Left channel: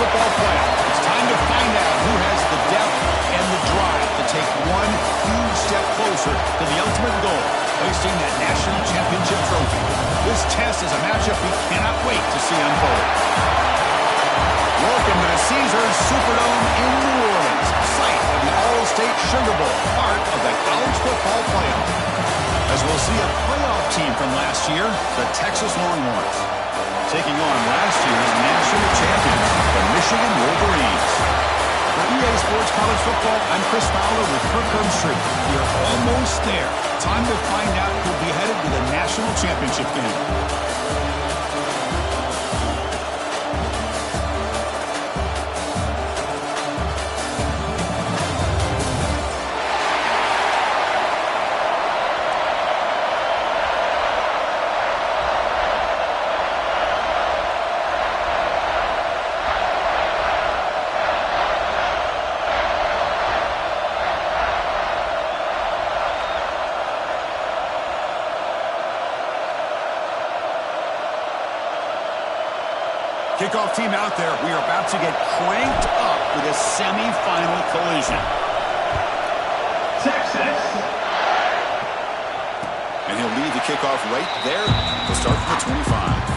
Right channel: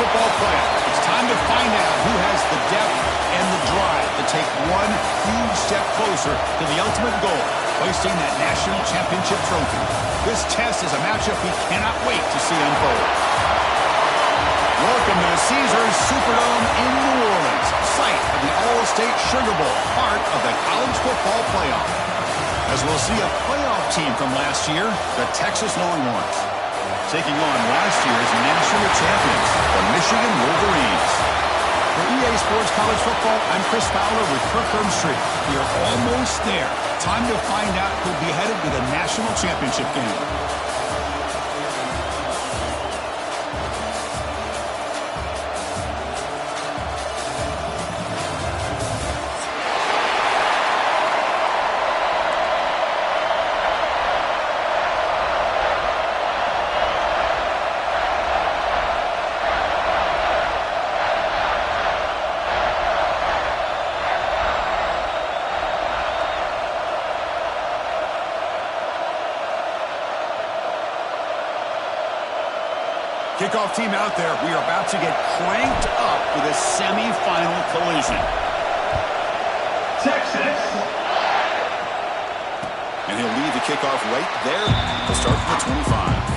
Football Playoff. It's time to find out who has the depth and the drive to take one huge step closer to the ultimate goal, hoisting that national championship trophy. This test is a matchup we cannot wait to see unfold. Welcome to the Caesars Superdome in New Orleans, site of the All-State Sugar Bowl, part of the College Football Playoff. As we'll see a playoff team from last year, the Texas Longhorns, taking on last year's national champions, the Michigan Wolverines. For EA Sports College Football, I'm Chris Fowler with Kirk Herbstreit. We are almost there. Time to find out who'll be headed to the national championship game. Kickoff team out there. We are about to get cranked up for this semifinal collision. Texas. And he'll lead the kickoff right there. He'll start from the 25.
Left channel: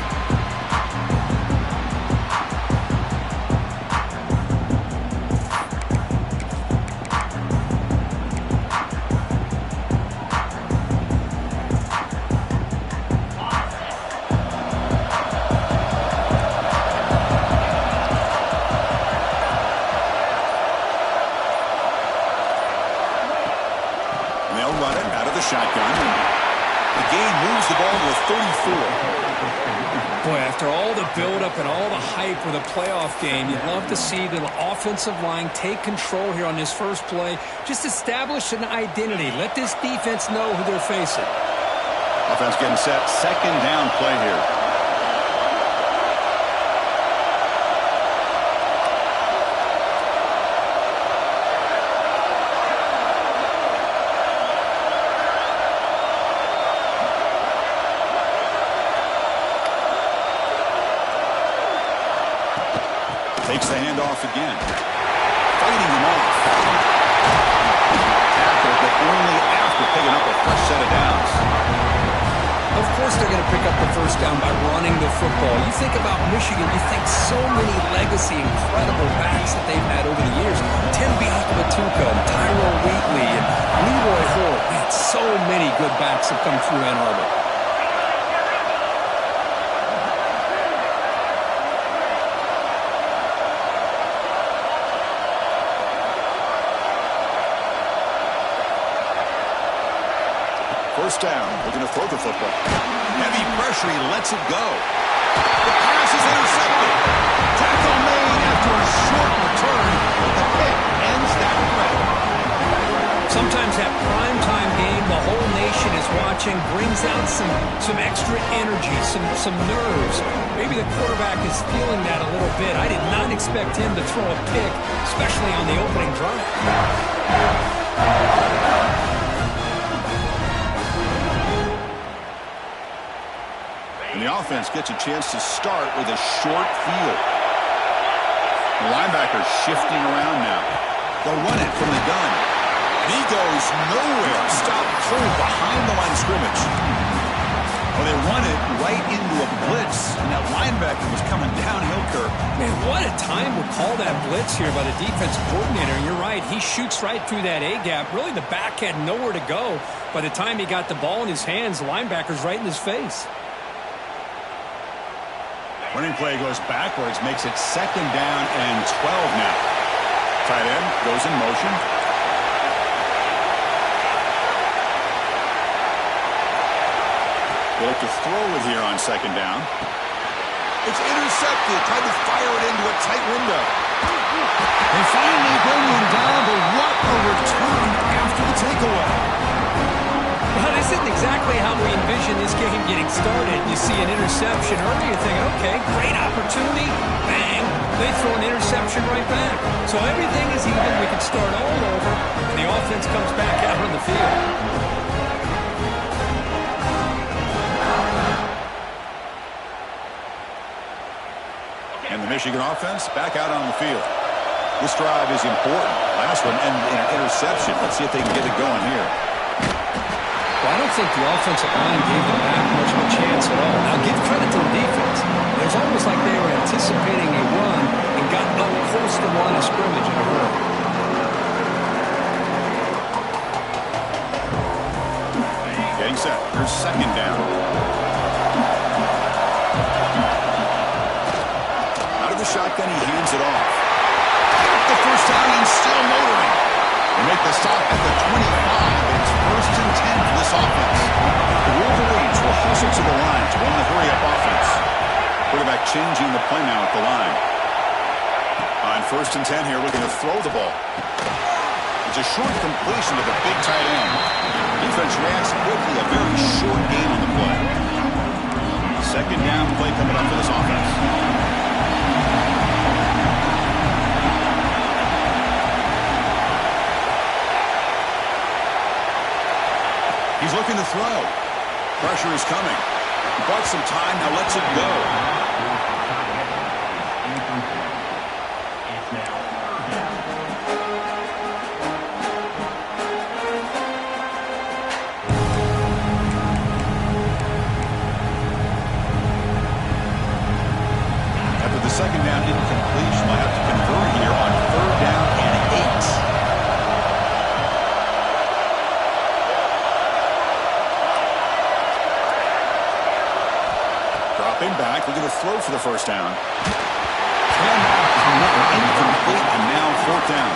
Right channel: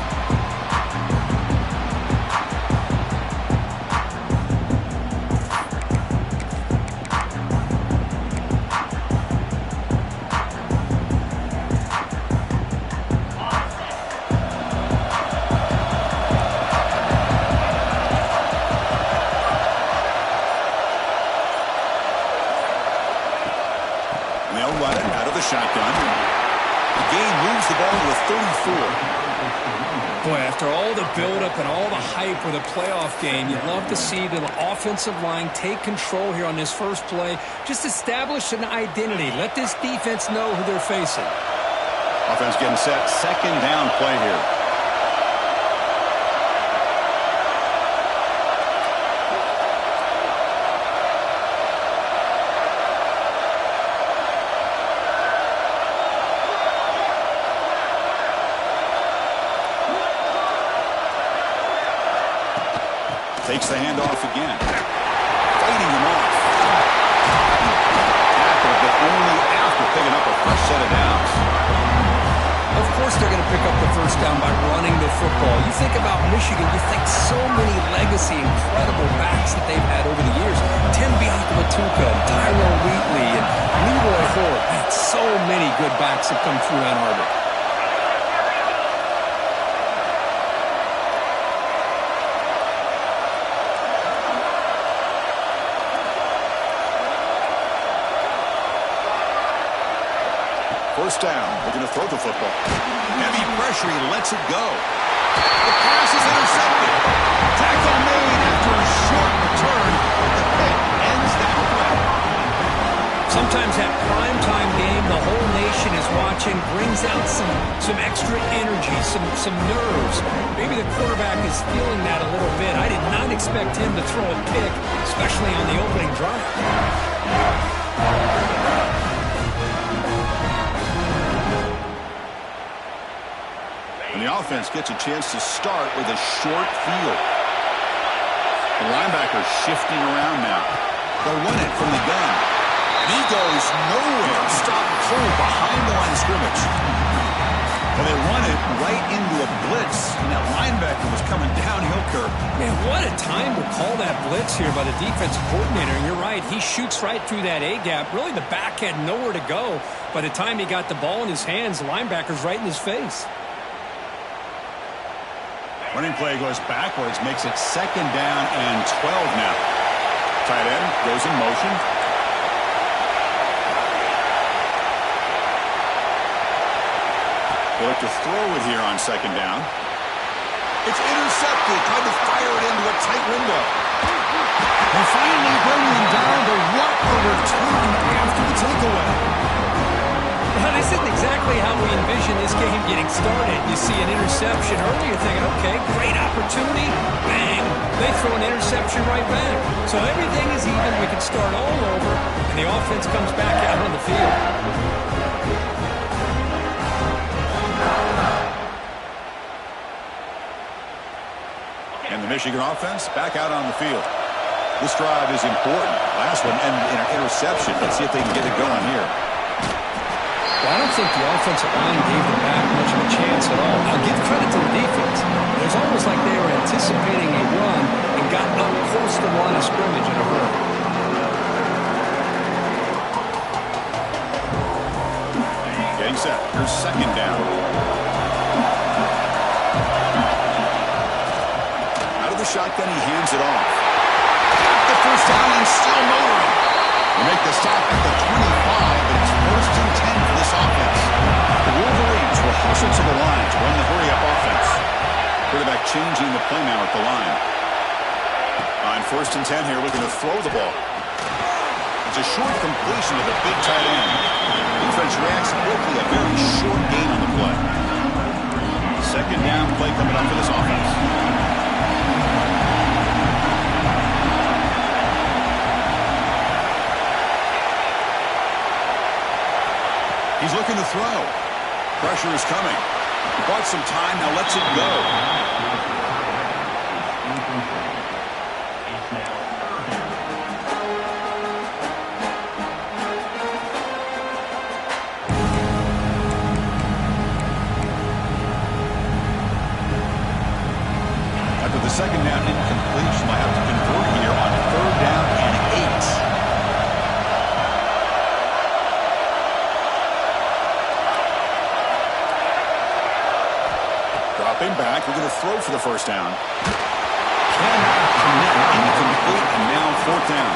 Shotgun. The gain moves the ball to the 34. Boy, after all the buildup and all the hype with a playoff game, you'd love to see the offensive line take control here on this first play. Just establish an identity. Let this defense know who they're facing. Offense getting set. Second down play here. Takes the handoff again. Fighting him off. Tackled, but only after picking up a fresh set of downs. Of course they're going to pick up the first down by running the football. You think about Michigan, you think so many legacy, incredible backs that they've had over the years. Tim Biakabatuka and Tyrone Wheatley and Leroy Hoare. Man, so many good backs have come through Ann Arbor. First down, looking to throw the football. Heavy pressure, he lets it go. The pass is intercepted. Tackle made after a short return, but the pick ends that threat. Sometimes that primetime game, the whole nation is watching, brings out some extra energy, some nerves. Maybe the quarterback is feeling that a little bit. I did not expect him to throw a pick, especially on the opening drive. And the offense gets a chance to start with a short field. The linebacker's shifting around now. They'll run it from the gun. And he goes nowhere. Stop cold behind the line of scrimmage. Well, they run it right into a blitz. And that linebacker was coming downhill, Kirk. Man, what a time to call that blitz here by the defensive coordinator. And you're right, he shoots right through that A-gap. Really, the back had nowhere to go. By the time he got the ball in his hands, the linebacker's right in his face. Running play goes backwards, makes it second down and 12 now. Tight end goes in motion. They look to throw it here on second down. It's intercepted. Tried to fire it into a tight window. They finally bring him down, but what a return after the takeaway. Well, this isn't exactly how we envision this game getting started. You see an interception early, you're thinking, okay, great opportunity. Bang! They throw an interception right back. So everything is even. We can start all over, and the offense comes back out on the field. And And the Michigan offense back out on the field. This drive is important. Last one ended in an interception. Let's see if they can get it going here. Well, I don't think the offensive line gave them back much of a chance at all. Now, give credit to the defense. It was almost like they were anticipating a run and got up close to the line of scrimmage in a hurry. Getting set. Here's second down. Out of the shotgun, he hands it off. Got the first down and still motoring. They make the stop at the 25, but it's 1st and 10 for this offense. The Wolverines will hustle to the line to run the hurry-up offense. Quarterback changing the play now at the line. On 1st and 10 here, looking to throw the ball. It's a short completion to the big tight end. Defense reacts quickly, a very short gain on the play. Second down play coming up for this offense. He's looking to throw. Pressure is coming. He bought some time, now lets it go. It's now 3rd down. After the second down incompletion, they'll have to convert here on 3rd down and 8. Dropping back, looking to throw for the first down. Cannot connect, incomplete, and now 4th down.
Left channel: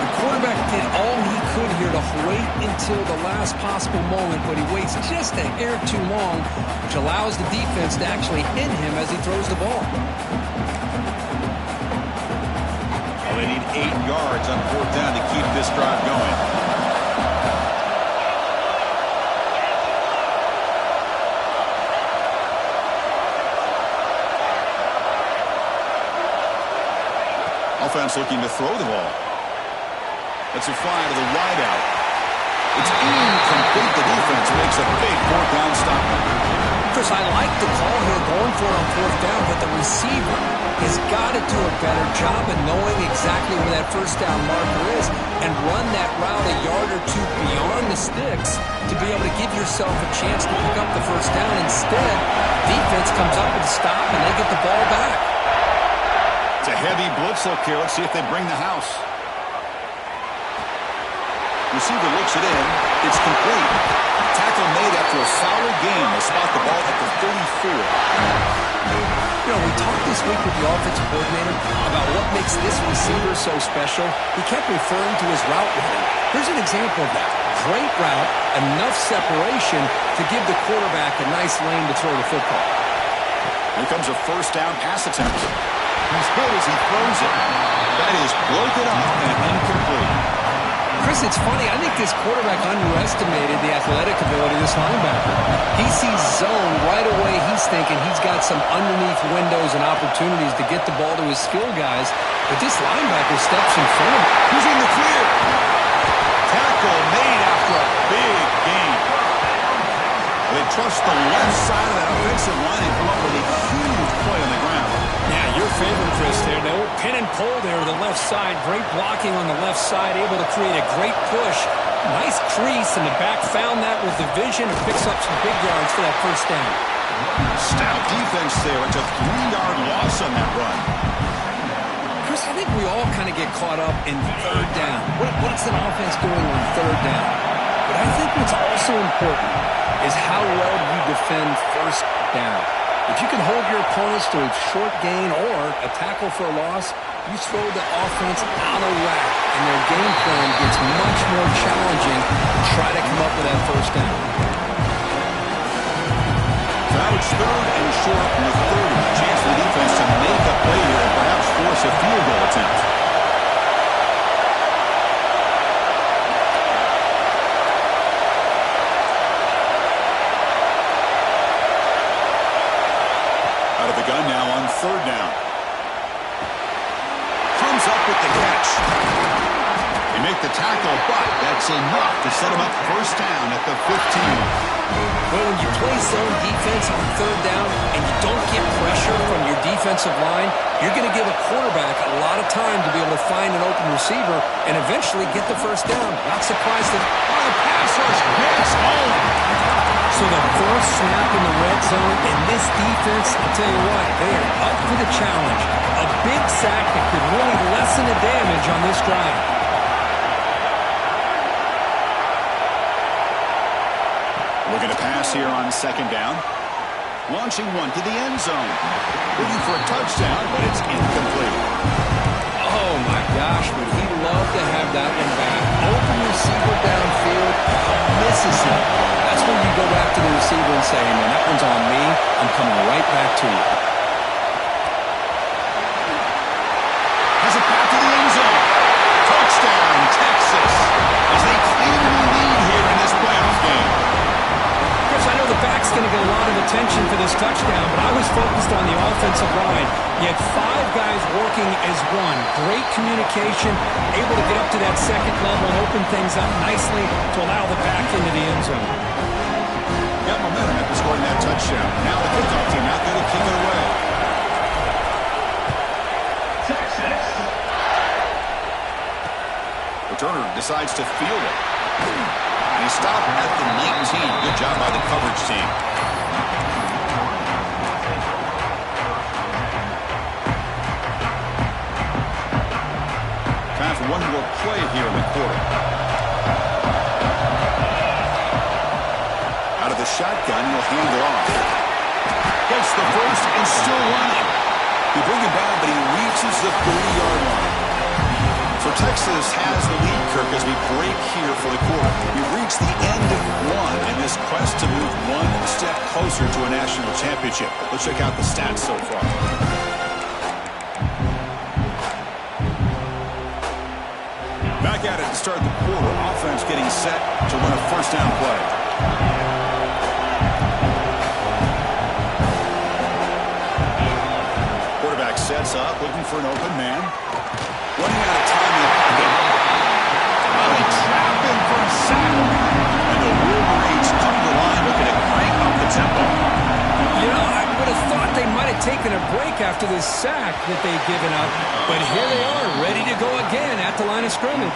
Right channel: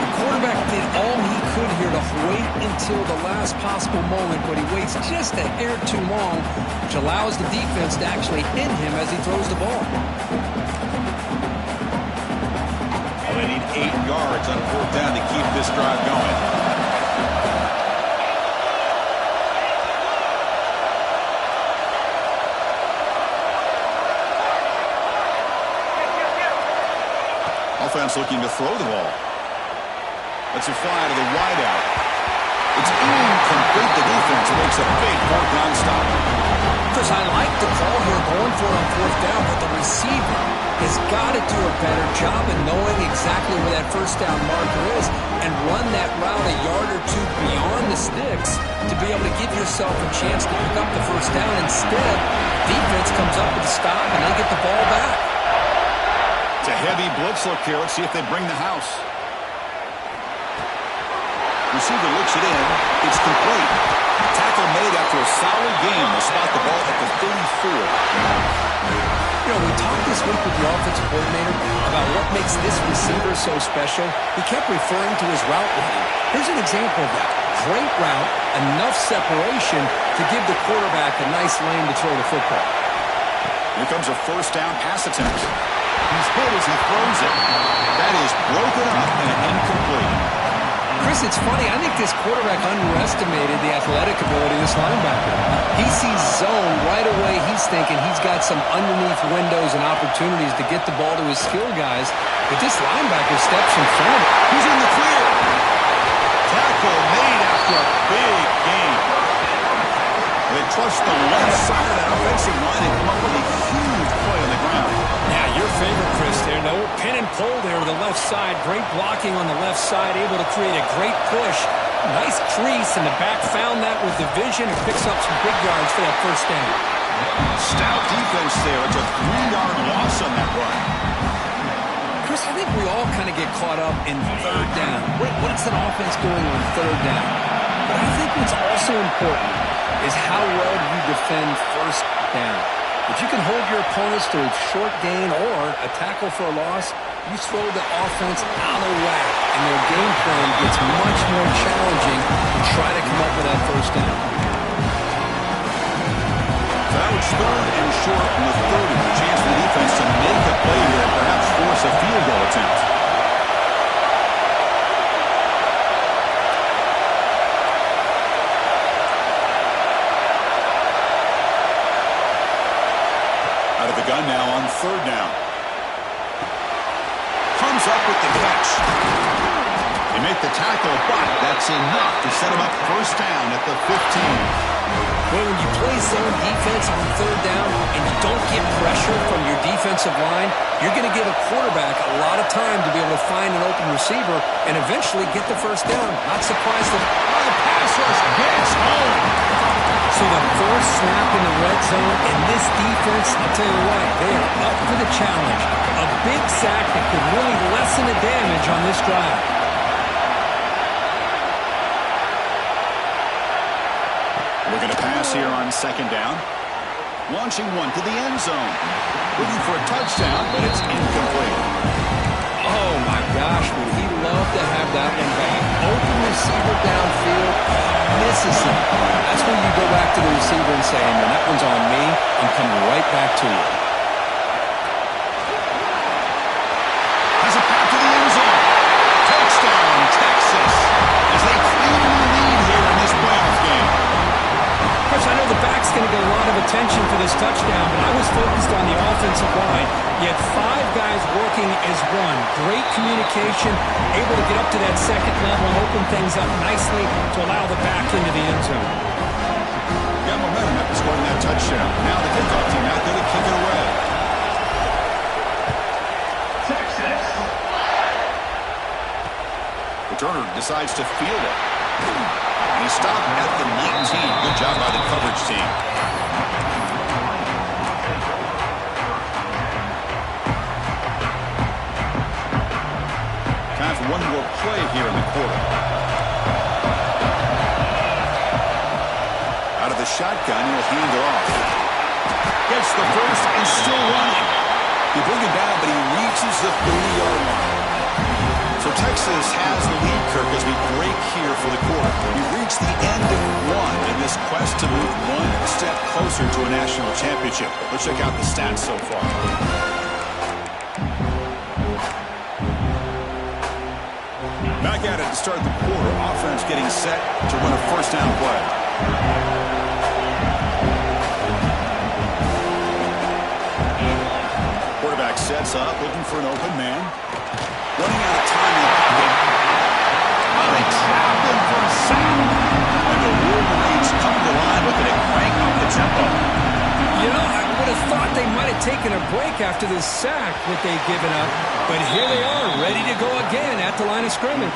The quarterback did all he could here to wait until the last possible moment, but he waits just a hair too long, which allows the defense to actually hit him as he throws the ball. Well, they need 8 yards on 4th down to keep this drive going. Offense looking to throw the ball. Lets it fly to the wideout. It's incomplete. The defense makes a big 4th down stop. Chris, I like the call here going for it on 4th down, but the receiver has got to do a better job of knowing exactly where that first down marker is and run that route a yard or two beyond the sticks to be able to give yourself a chance to pick up the first down. Instead, defense comes up with a stop and they get the ball back. It's a heavy blitz look here. Let's see if they bring the house. Receiver looks it in. It's complete. Tackle made after a solid game. They'll spot the ball at the 34. You know, we talked this week with the offensive coordinator about what makes this receiver so special. He kept referring to his route running. Here's an example of that. Great route, enough separation to give the quarterback a nice lane to throw the football. Here comes a first down pass attempt. He's hit as he throws it. That is broken up and incomplete. Chris, it's funny. I think this quarterback underestimated the athletic ability of this linebacker. He sees zone right away. He's thinking he's got some underneath windows and opportunities to get the ball to his skill guys. But this linebacker steps in front of him. He's in the clear. Tackle made after a big gain. They trust the left side of that offensive line and come up with a huge play on the ground. Yeah, your favorite, Chris, there. No pin and pull there to the left side. Great blocking on the left side, able to create a great push. Nice crease, and the back found that with the vision and picks up some big yards for that first down. Stout defense there. It's a 3-yard loss on that run. Chris, I think we all kind of get caught up in 3rd down. What's an offense doing on 3rd down? But I think what's also important is how well do you defend 1st down. If you can hold your opponents to a short gain or a tackle for a loss, you throw the offense out of whack, and their game plan gets much more challenging to try to come up with that first down. So now it's 3rd and short from the 30. A chance for the defense to make a play here and perhaps force a field goal attempt. Out of the gun now on 3rd down. Comes up with the catch. They make the tackle, but that's enough to set him up first down at the 15. Well, when you play zone defense on third down and you don't get pressure from your defensive line, you're going to give a quarterback a lot of time to be able to find an open receiver and eventually get the first down. Not surprised that the pass rush gets home. So the first snap in the red zone, and this defense, I'll tell you what, they are up for the challenge. A big sack that could really lessen the damage on this drive. Looking to pass here on second down. Launching one to the end zone. Looking for a touchdown, but it's incomplete. Oh, my gosh, would he love to have that one back. Open receiver downfield, misses him. That's when you go back to the receiver and say, hey, man, that one's on me. I'm coming right back to you. Has a path to the end zone. Touchdown, Texas, as they claim the lead here in this playoff game. Chris, I know the back's going to get a lot of attention for this touchdown, but I was focused on the offensive line. You had 5 guys working as one. Great communication, able to get up to that second level and open things up nicely to allow the back into the end zone. Got momentum after scoring that touchdown. Now the kickoff team out there to kick it away. Texas. Returner decides to field it. And he stopped at the 19. Good job by the coverage team. Time for one more play here in the quarter. Out of the shotgun, he'll hand it off. Gets the first and still running. He bring him down, but he reaches the 30-yard line. So Texas has the lead, Kirk, as we break here for the quarter. We've reached the end of one in this quest to move one step closer to a national championship. Let's check out the stats so far. Back at it to start the quarter. Offense getting set to run a first down play. Quarterback sets up, looking for an open man. Running out of time in the pocket. Oh, they trap him for a sack. And the Wolverines come to the line looking to crank up the tempo. You know, I would have thought they might have taken a break after this sack that they'd given up. But here they are, ready to go again at the line of scrimmage.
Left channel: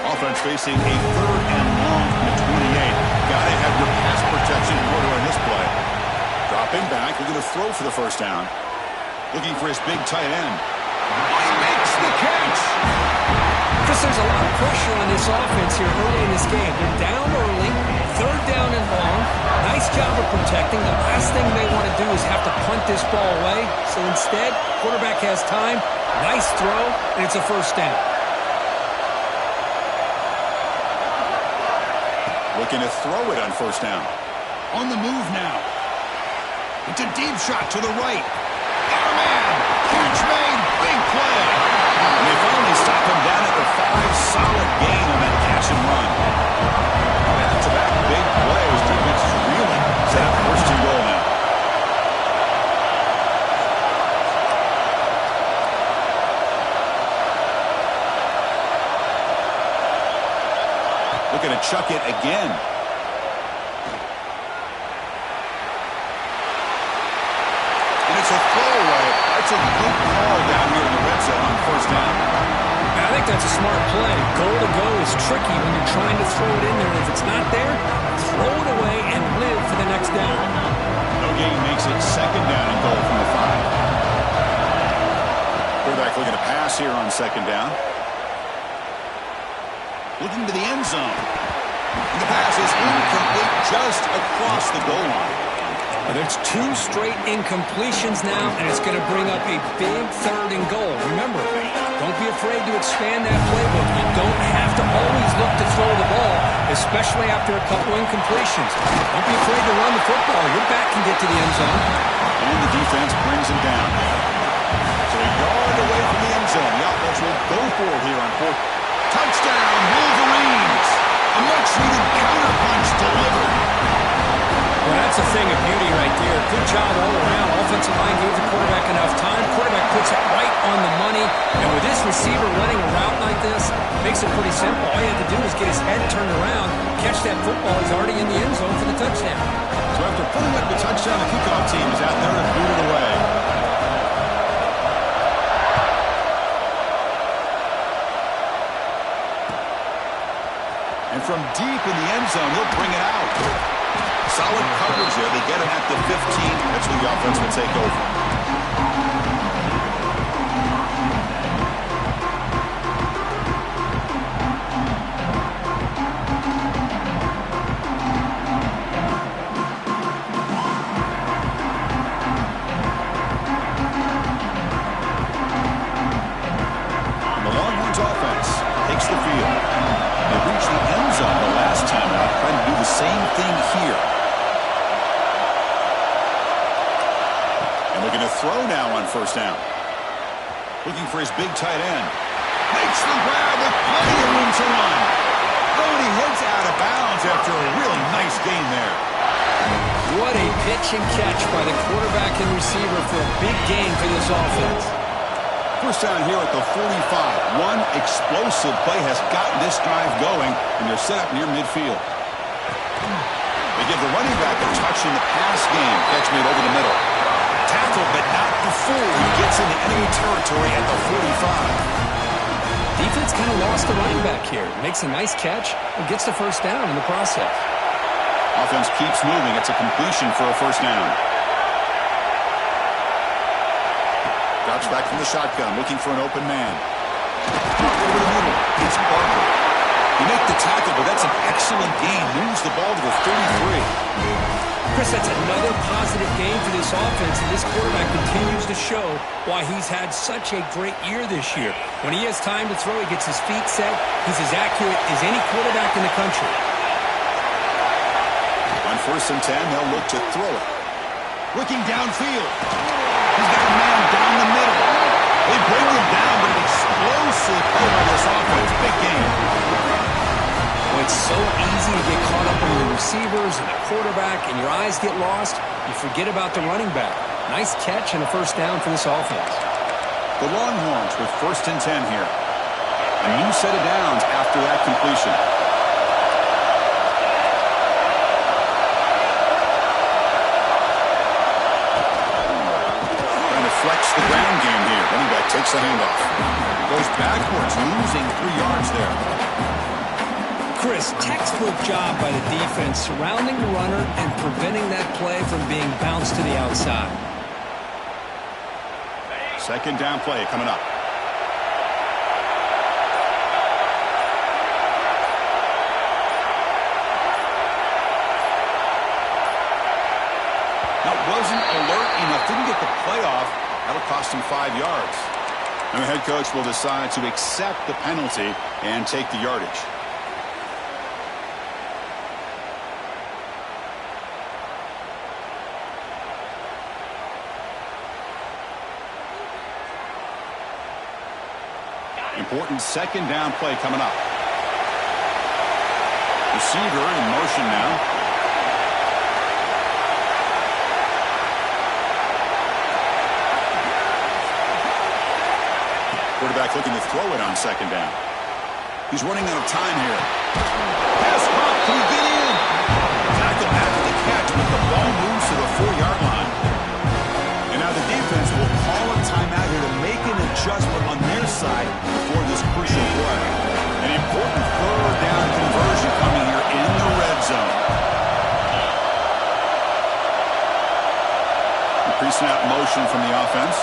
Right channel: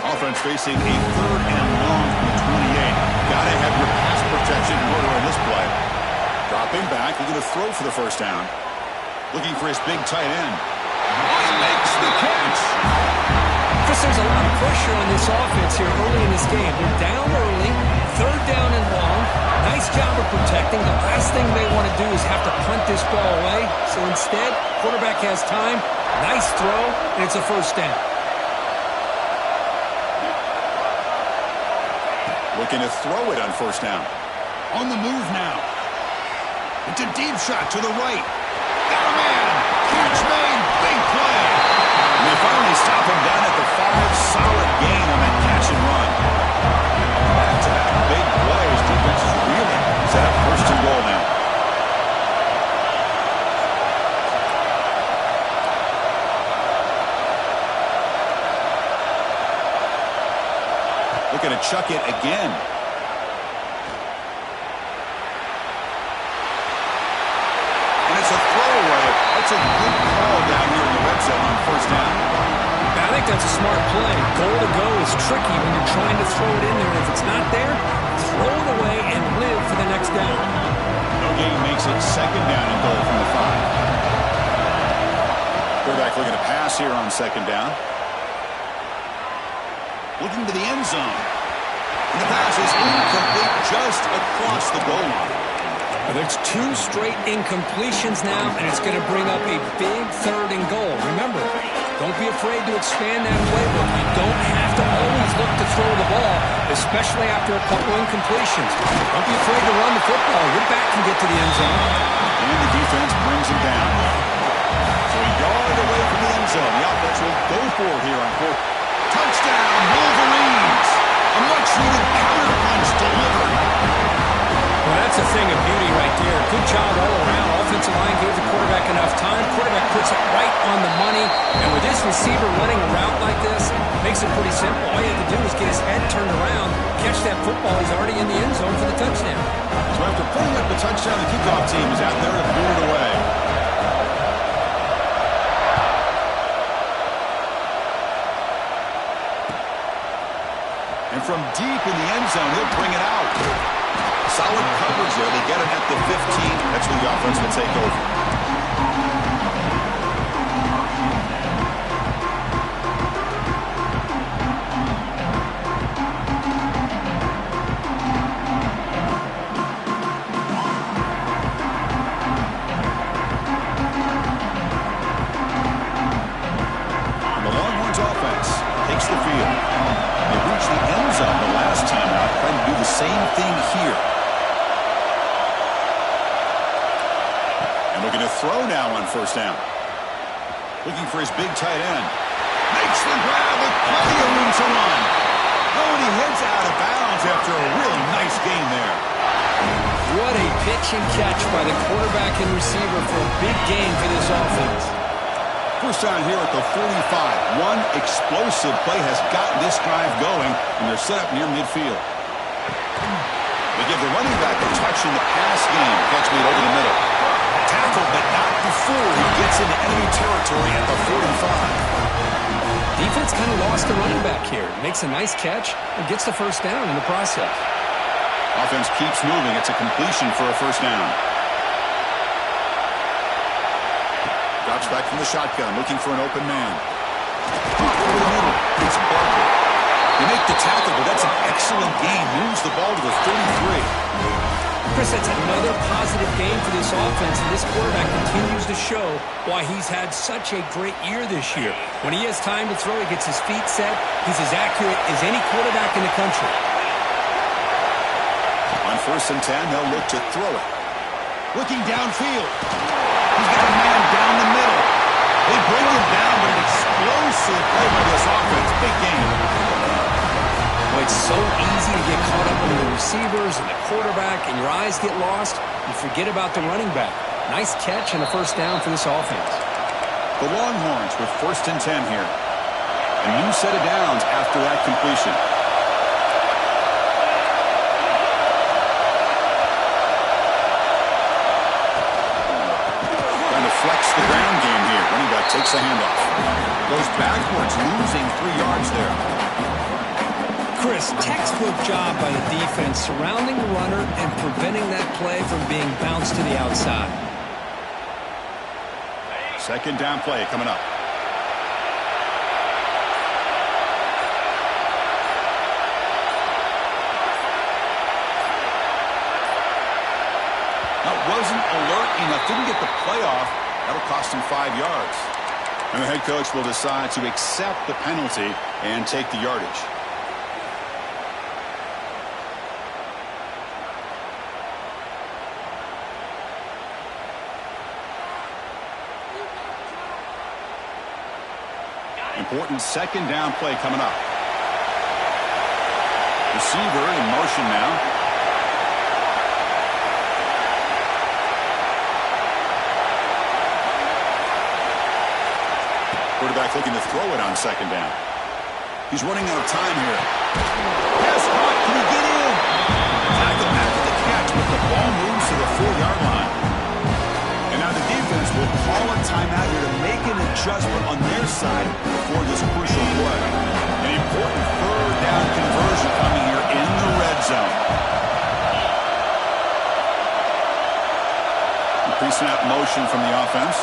Offense facing a third and long from the 28. Gotta have your pass protection in order in this play. Dropping back, looking to throw for the first down. Looking for his big tight end. Oh, he makes the catch! Chris, there's a lot of pressure on this offense here early in this game. They're down early, third down and long. Nice job of protecting. The last thing they want to do is have to punt this ball away. So instead, quarterback has time. Nice throw, and it's a first down. Looking to throw it on first down. On the move now. It's a deep shot to the right. Got a man. Catch made. Big play. And they finally stop him down at the 5. Solid gain on that catch and run. Back-to-back big plays. Defense is reeling. Set up first and goal now. Looking to chuck it again. And it's a throwaway. That's a good call down here in the red zone on first down. I think that's a smart play. Goal to go is tricky when you're trying to throw it in there. If it's not there, throw it away and live for the next down. No gain makes it second down and goal from the 5. Quarterback looking to pass here on second down. Looking to the end zone. And the pass is incomplete just across the goal line. There's 2 straight incompletions now, and it's going to bring up a big third and goal. Remember, don't be afraid to expand that playbook. You don't have to always look to throw the ball, especially after a couple incompletions. Don't be afraid to run the football. Your back can get to the end zone. And the defense brings him down. So a yard away from the end zone. The offense will go for it here on fourth. Touchdown, Wolverines! A much-needed counterpunch delivered. Well, that's a thing of beauty right there. Good job all around. All offensive line gave the quarterback enough time. Quarterback puts it right on the money. And with this receiver running a route like this, makes it pretty simple. All you have to do is get his head turned around, catch that football. He's already in the end zone for the touchdown. So after putting up the touchdown, the kickoff team is out there to boot it away. And from deep in the end zone, he'll bring it out. Solid coverage there. They get him at the 15. That's where the offense will take over. Same thing here. And looking to throw now on first down. Looking for his big tight end. Makes the grab with plenty of room to run. Oh, and he heads out of bounds after a really nice gain there. What a pitch and catch by the quarterback and receiver for a big gain for this offense. First down here at the 45. One explosive play has gotten this drive going, and they're set up near midfield. They give the running back a touch in the pass game. Catch made over the middle. Tackled, but not before he gets into enemy territory at the 45. Defense kind of lost the running back here. Makes a nice catch and gets the first down in the process. Offense keeps moving. It's a completion for a first down. Drops back from the shotgun, looking for an open man. Caught over the middle. It's Barker. You make the tackle, but that's an excellent gain. Moves the ball to the 33. Chris, that's another positive game for this offense, and this quarterback continues to show why he's had such a great year this year. When he has time to throw, he gets his feet set. He's as accurate as any quarterback in the country. On 1st and 10, they'll look to throw it. Looking downfield. He's got a man down the middle. They bring him down, but an explosive play by this offense. Big game. Well, it's so easy to get caught up in the receivers and the quarterback, and your eyes get lost. You forget about the running back. Nice catch and a first down for this offense. The Longhorns with 1st and 10 here. A new set of downs after that completion. Trying to flex the ground game here. Running back takes the handoff. Goes backwards, losing 3 yards there. Chris, textbook job by the defense surrounding the runner and preventing that play from being bounced to the outside. Second down play coming up. That wasn't alert enough. Didn't get the play off. That'll cost him 5 yards. And the head coach will decide to accept the penalty and take the yardage. Important second down play coming up. Receiver in motion now. Quarterback looking to throw it on second down. He's running out of time here. Pass caught. Can he get in? Tackle after the catch, but the ball moves to the 4-yard line. And now the defense will call a timeout here to make an adjustment on their side before this crucial play. An important third down conversion coming here in the red zone. Pre-snap motion from the offense.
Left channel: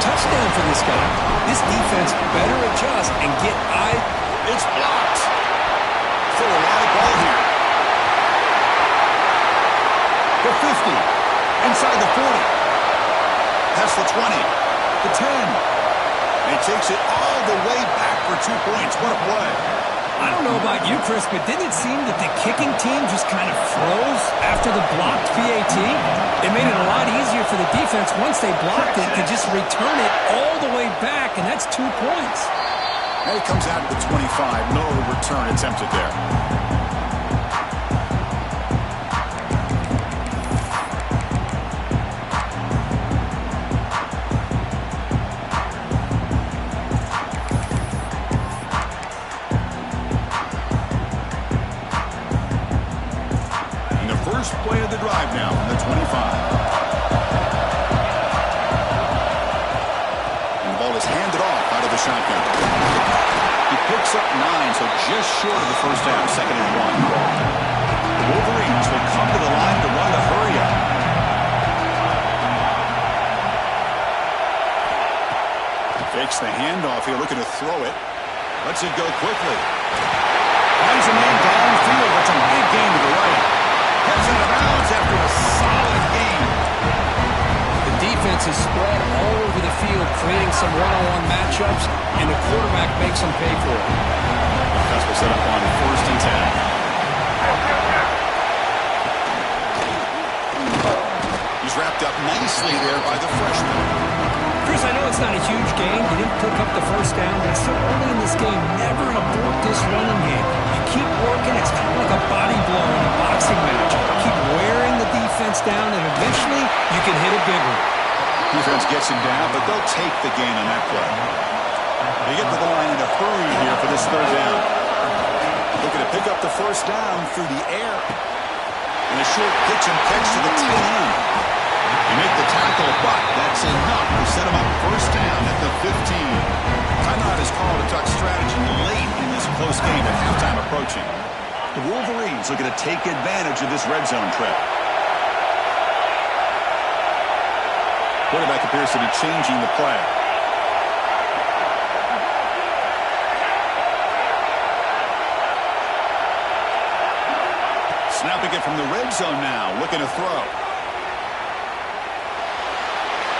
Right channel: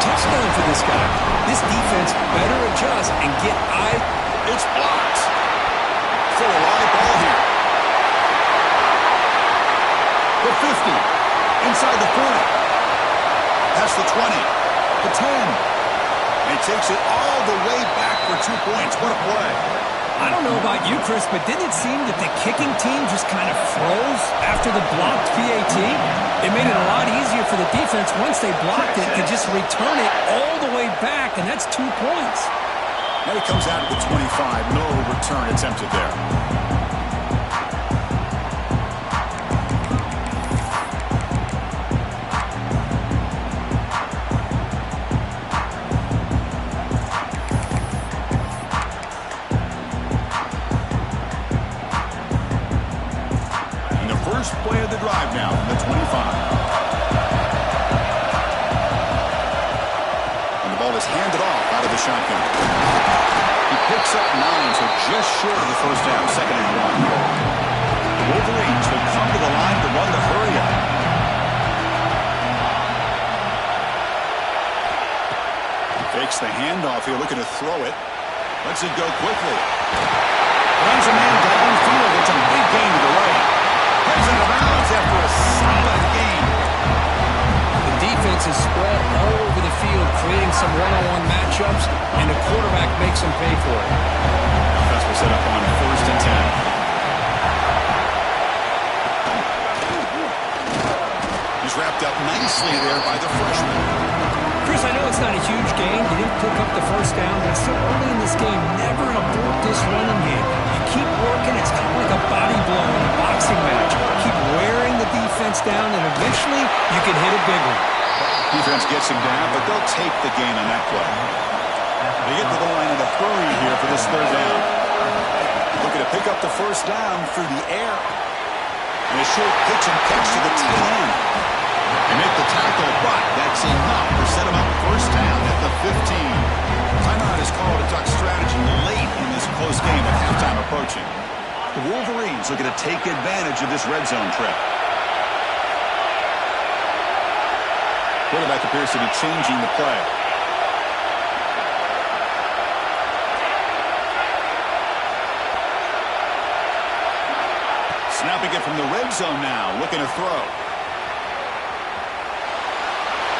Touchdown for this guy. This defense better adjust and get It's blocked. Still a live ball here. The 50. Inside the 40. That's the 20. The 10. And he takes it all the way back for 2 points. What a play. I don't know about you, Chris, but didn't it seem that the kicking team just kind of froze after the blocked PAT? It made it a lot easier for the defense once they blocked it to just return it all the way back, and that's 2 points. And it comes out at the 25. No return attempted there. First play of the drive now from the 25. And the ball is handed off out of the shotgun. He picks up 9, so just short of the first half, 2nd and 1. The Wolverines will come to the line to run the hurry up. Fakes the handoff here, looking to throw it. Lets it go quickly. Finds a man downfield. It's a big gain to the right. Heads out of bounds after a solid game. The defense is spread all over the field, creating some one-on-one matchups, and the quarterback makes them pay for it. The offense will set up on 1st and 10. He's wrapped up nicely there by the freshman. Chris, I know it's not a huge game. You didn't pick up the first down, but it's still early in this game. Never abort this running game. You keep working. It's kind of like a body blow in a boxing match. Keep wearing the defense down, and eventually you can hit a big one. Defense gets him down, but they'll take the gain on that play. They get to the line in a hurry here for this 3rd down. Looking to pick up the first down through the air. And a short pitch and catch to the tight end. They make the tackle, but that's enough to set him up 1st down at the 15. Timeout is called to talk strategy late in this close game with halftime approaching. The Wolverines looking to take advantage of this red zone trip. Quarterback appears to be changing the play. Snapping it from the red zone now, looking to throw.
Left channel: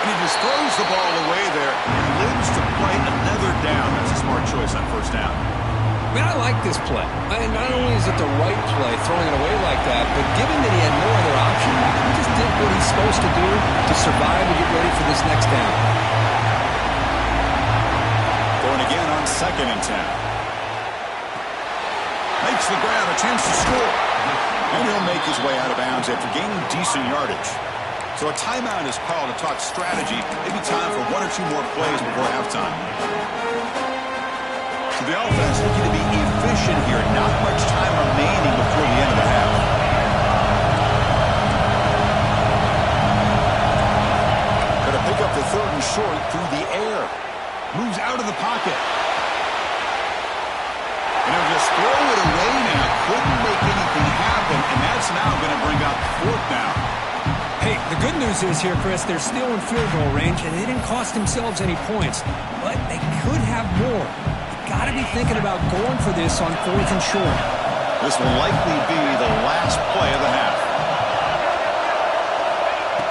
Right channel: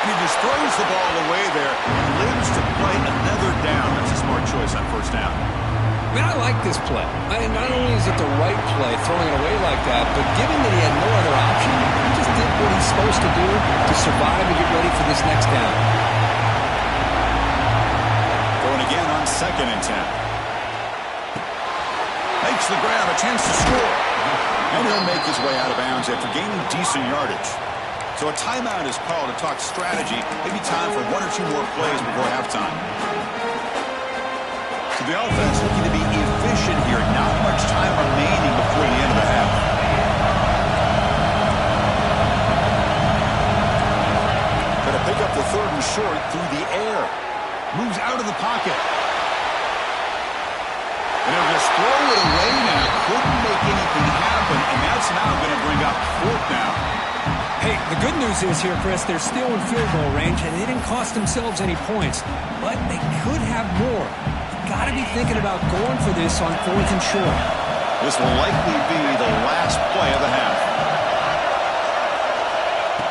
And he just throws the ball away there and lives to play another down. That's a smart choice on 1st down. I mean, I like this play. Not only is it the right play, throwing it away like that, but given that he had no other option, he just did what he's supposed to do to survive and get ready for this next down. Throwing again on 2nd and 10. Makes the grab, a chance to score. And he'll make his way out of bounds after gaining decent yardage. So a timeout is called to talk strategy. Maybe time for 1 or 2 more plays before halftime. So the offense looking to be efficient here. Not much time remaining before the end of the half. Going to pick up the 3rd and short through the air. Moves out of the pocket. And he'll just throw it away now. Couldn't make anything happen. And that's now going to bring up 4th down. Hey, the good news is here, Chris, they're still in field goal range, and they didn't cost themselves any points. But they could have more. You got to be thinking about going for this on 4th and short. This will likely be the last play of the half.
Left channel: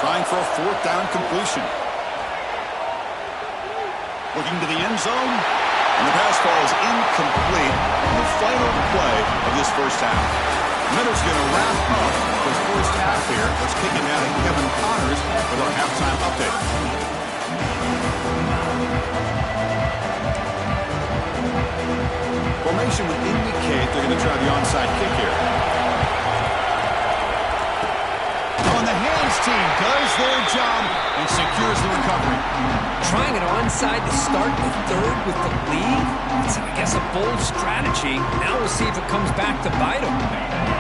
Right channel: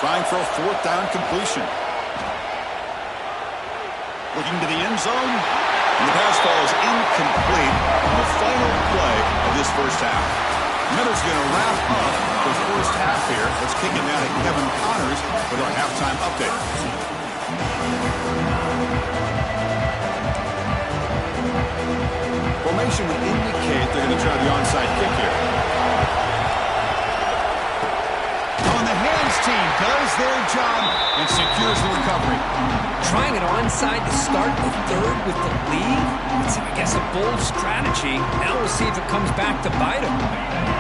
Trying for a 4th down completion. Looking to the end zone. And the pass falls incomplete in the final play of this 1st half. Miller's going to wrap up the 1st half here. Let's kick it down to Kevin Connors with our halftime update. Formation would indicate they're going to try the onside kick here. On the hands team does their job and secures the recovery. Trying it onside to start the 3rd with the lead? It's, I guess, a bold strategy. Now we'll see if it comes back to bite them.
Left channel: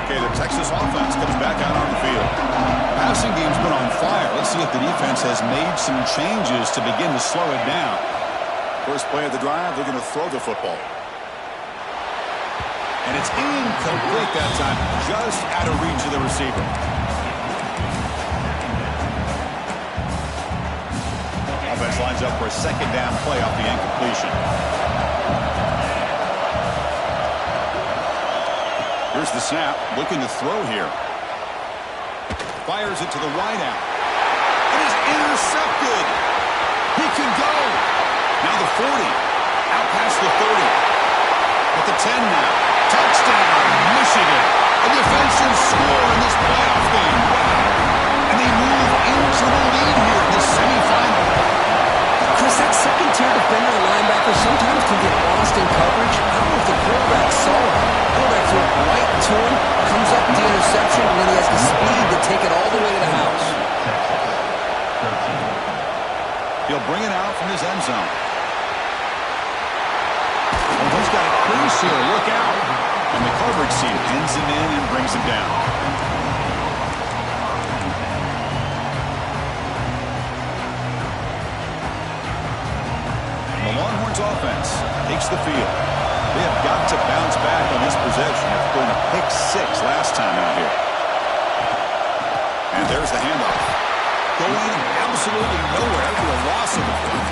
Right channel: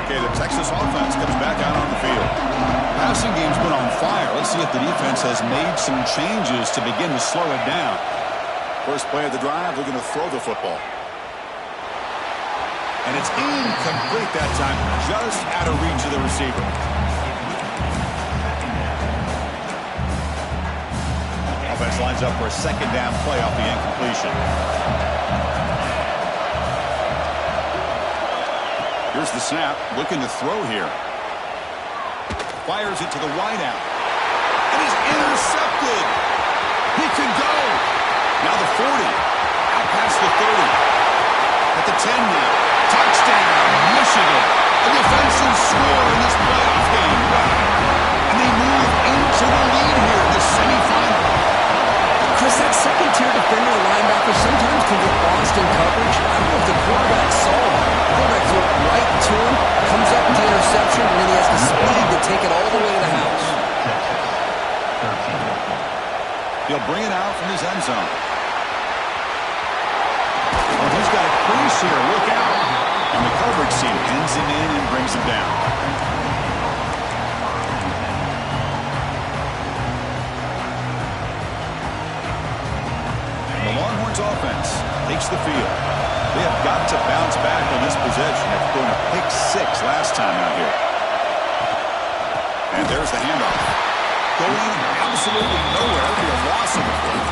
Okay, the Texas offense comes back out on the field. Passing game's been on fire. Let's see if the defense has made some changes to begin to slow it down. First play of the drive, they're going to throw the football. And it's incomplete that time, just out of reach of the receiver. Offense lines up for a 2nd down play off the incompletion. Here's the snap, looking to throw here. Fires it to the wideout. It is intercepted. He can go. Now the 40. Out past the 30. At the 10 now. Touchdown, Michigan. A defensive score in this playoff game. Wow. And they move into the lead here in this semifinal. Chris, that second-tier defender, the linebacker, sometimes can get lost in coverage. I don't know if the quarterback saw him. The quarterback threw it right to him, comes up with the interception, and then he has the speed to take it all the way to the house. He'll bring it out from his end zone. Oh, he's got a crease here. Look out. And the coverage team pins him in and brings him down. The Longhorns offense takes the field. They have got to bounce back on this possession after throwing a pick 6 last time out here. And there's the handoff. Going absolutely nowhere for a loss of the foot.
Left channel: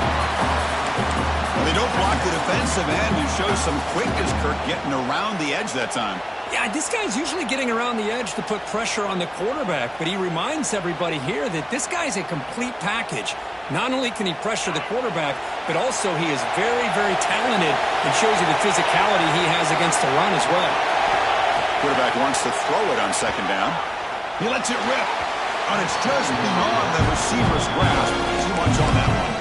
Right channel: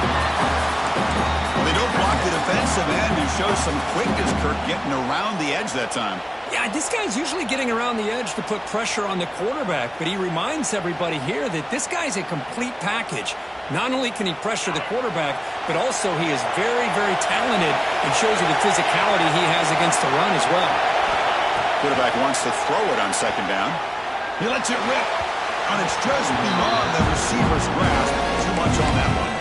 Well, they don't block the defensive end and show some quickness, Kirk, getting around the edge that time. Yeah, this guy's usually getting around the edge to put pressure on the quarterback, but he reminds everybody here that this guy's a complete package. Not only can he pressure the quarterback, but also he is very, very talented and shows you the physicality he has against the run as well. Quarterback wants to throw it on second down. He lets it rip. And it's just beyond the receiver's grasp. Too much on that one.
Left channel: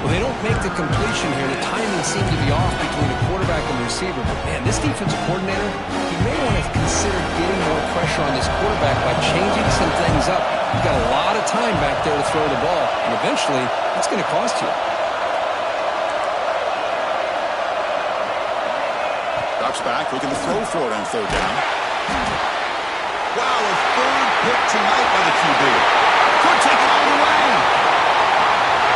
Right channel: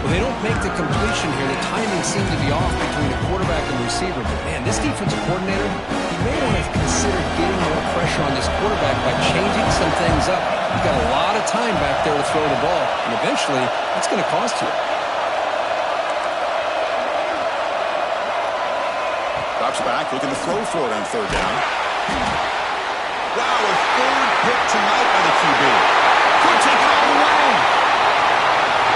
Well, they don't make the completion here. The timing seemed to be off between the quarterback and the receiver. But, man, this defensive coordinator, he may want to consider getting more pressure on this quarterback by changing some things up. He's got a lot of time back there to throw the ball. And eventually, that's going to cost you. Drops back, looking to throw for it on third down. Wow, a third pick tonight by the QB. Could take it all the way.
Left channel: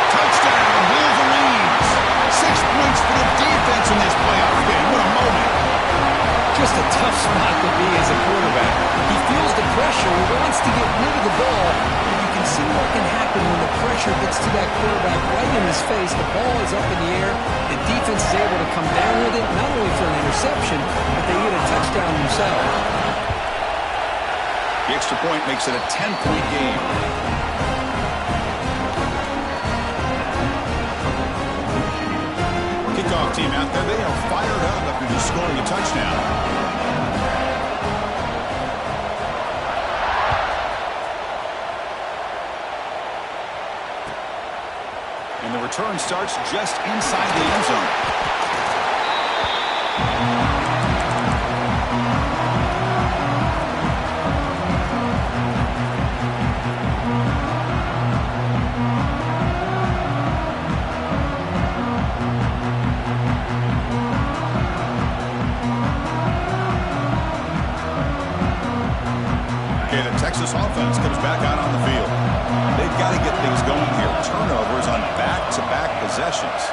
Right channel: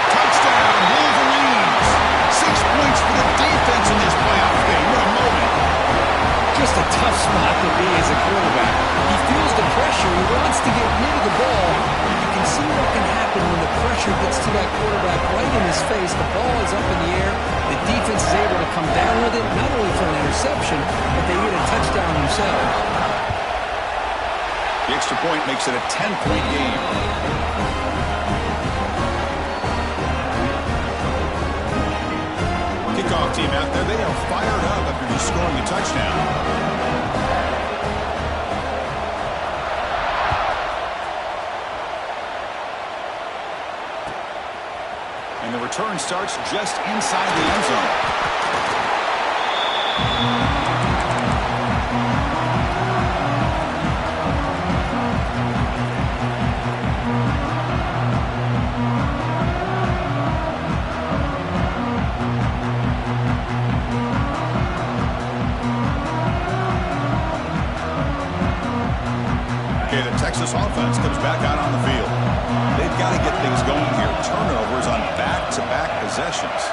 Touchdown, Wolverines. 6 points for the defense in this playoff game. What a moment. Just a tough spot to be as a quarterback. He feels the pressure. He wants to get rid of the ball. You can see what can happen when the pressure gets to that quarterback right in his face. The ball is up in the air. The defense is able to come down with it, not only for an interception, but they get a touchdown themselves. The extra point makes it a 10-point game. Kickoff team out there, they are fired up after just scoring a touchdown. And the return starts just inside the end zone. Texas offense comes back out on the field. They've got to get things going here. Turnovers on back-to-back possessions.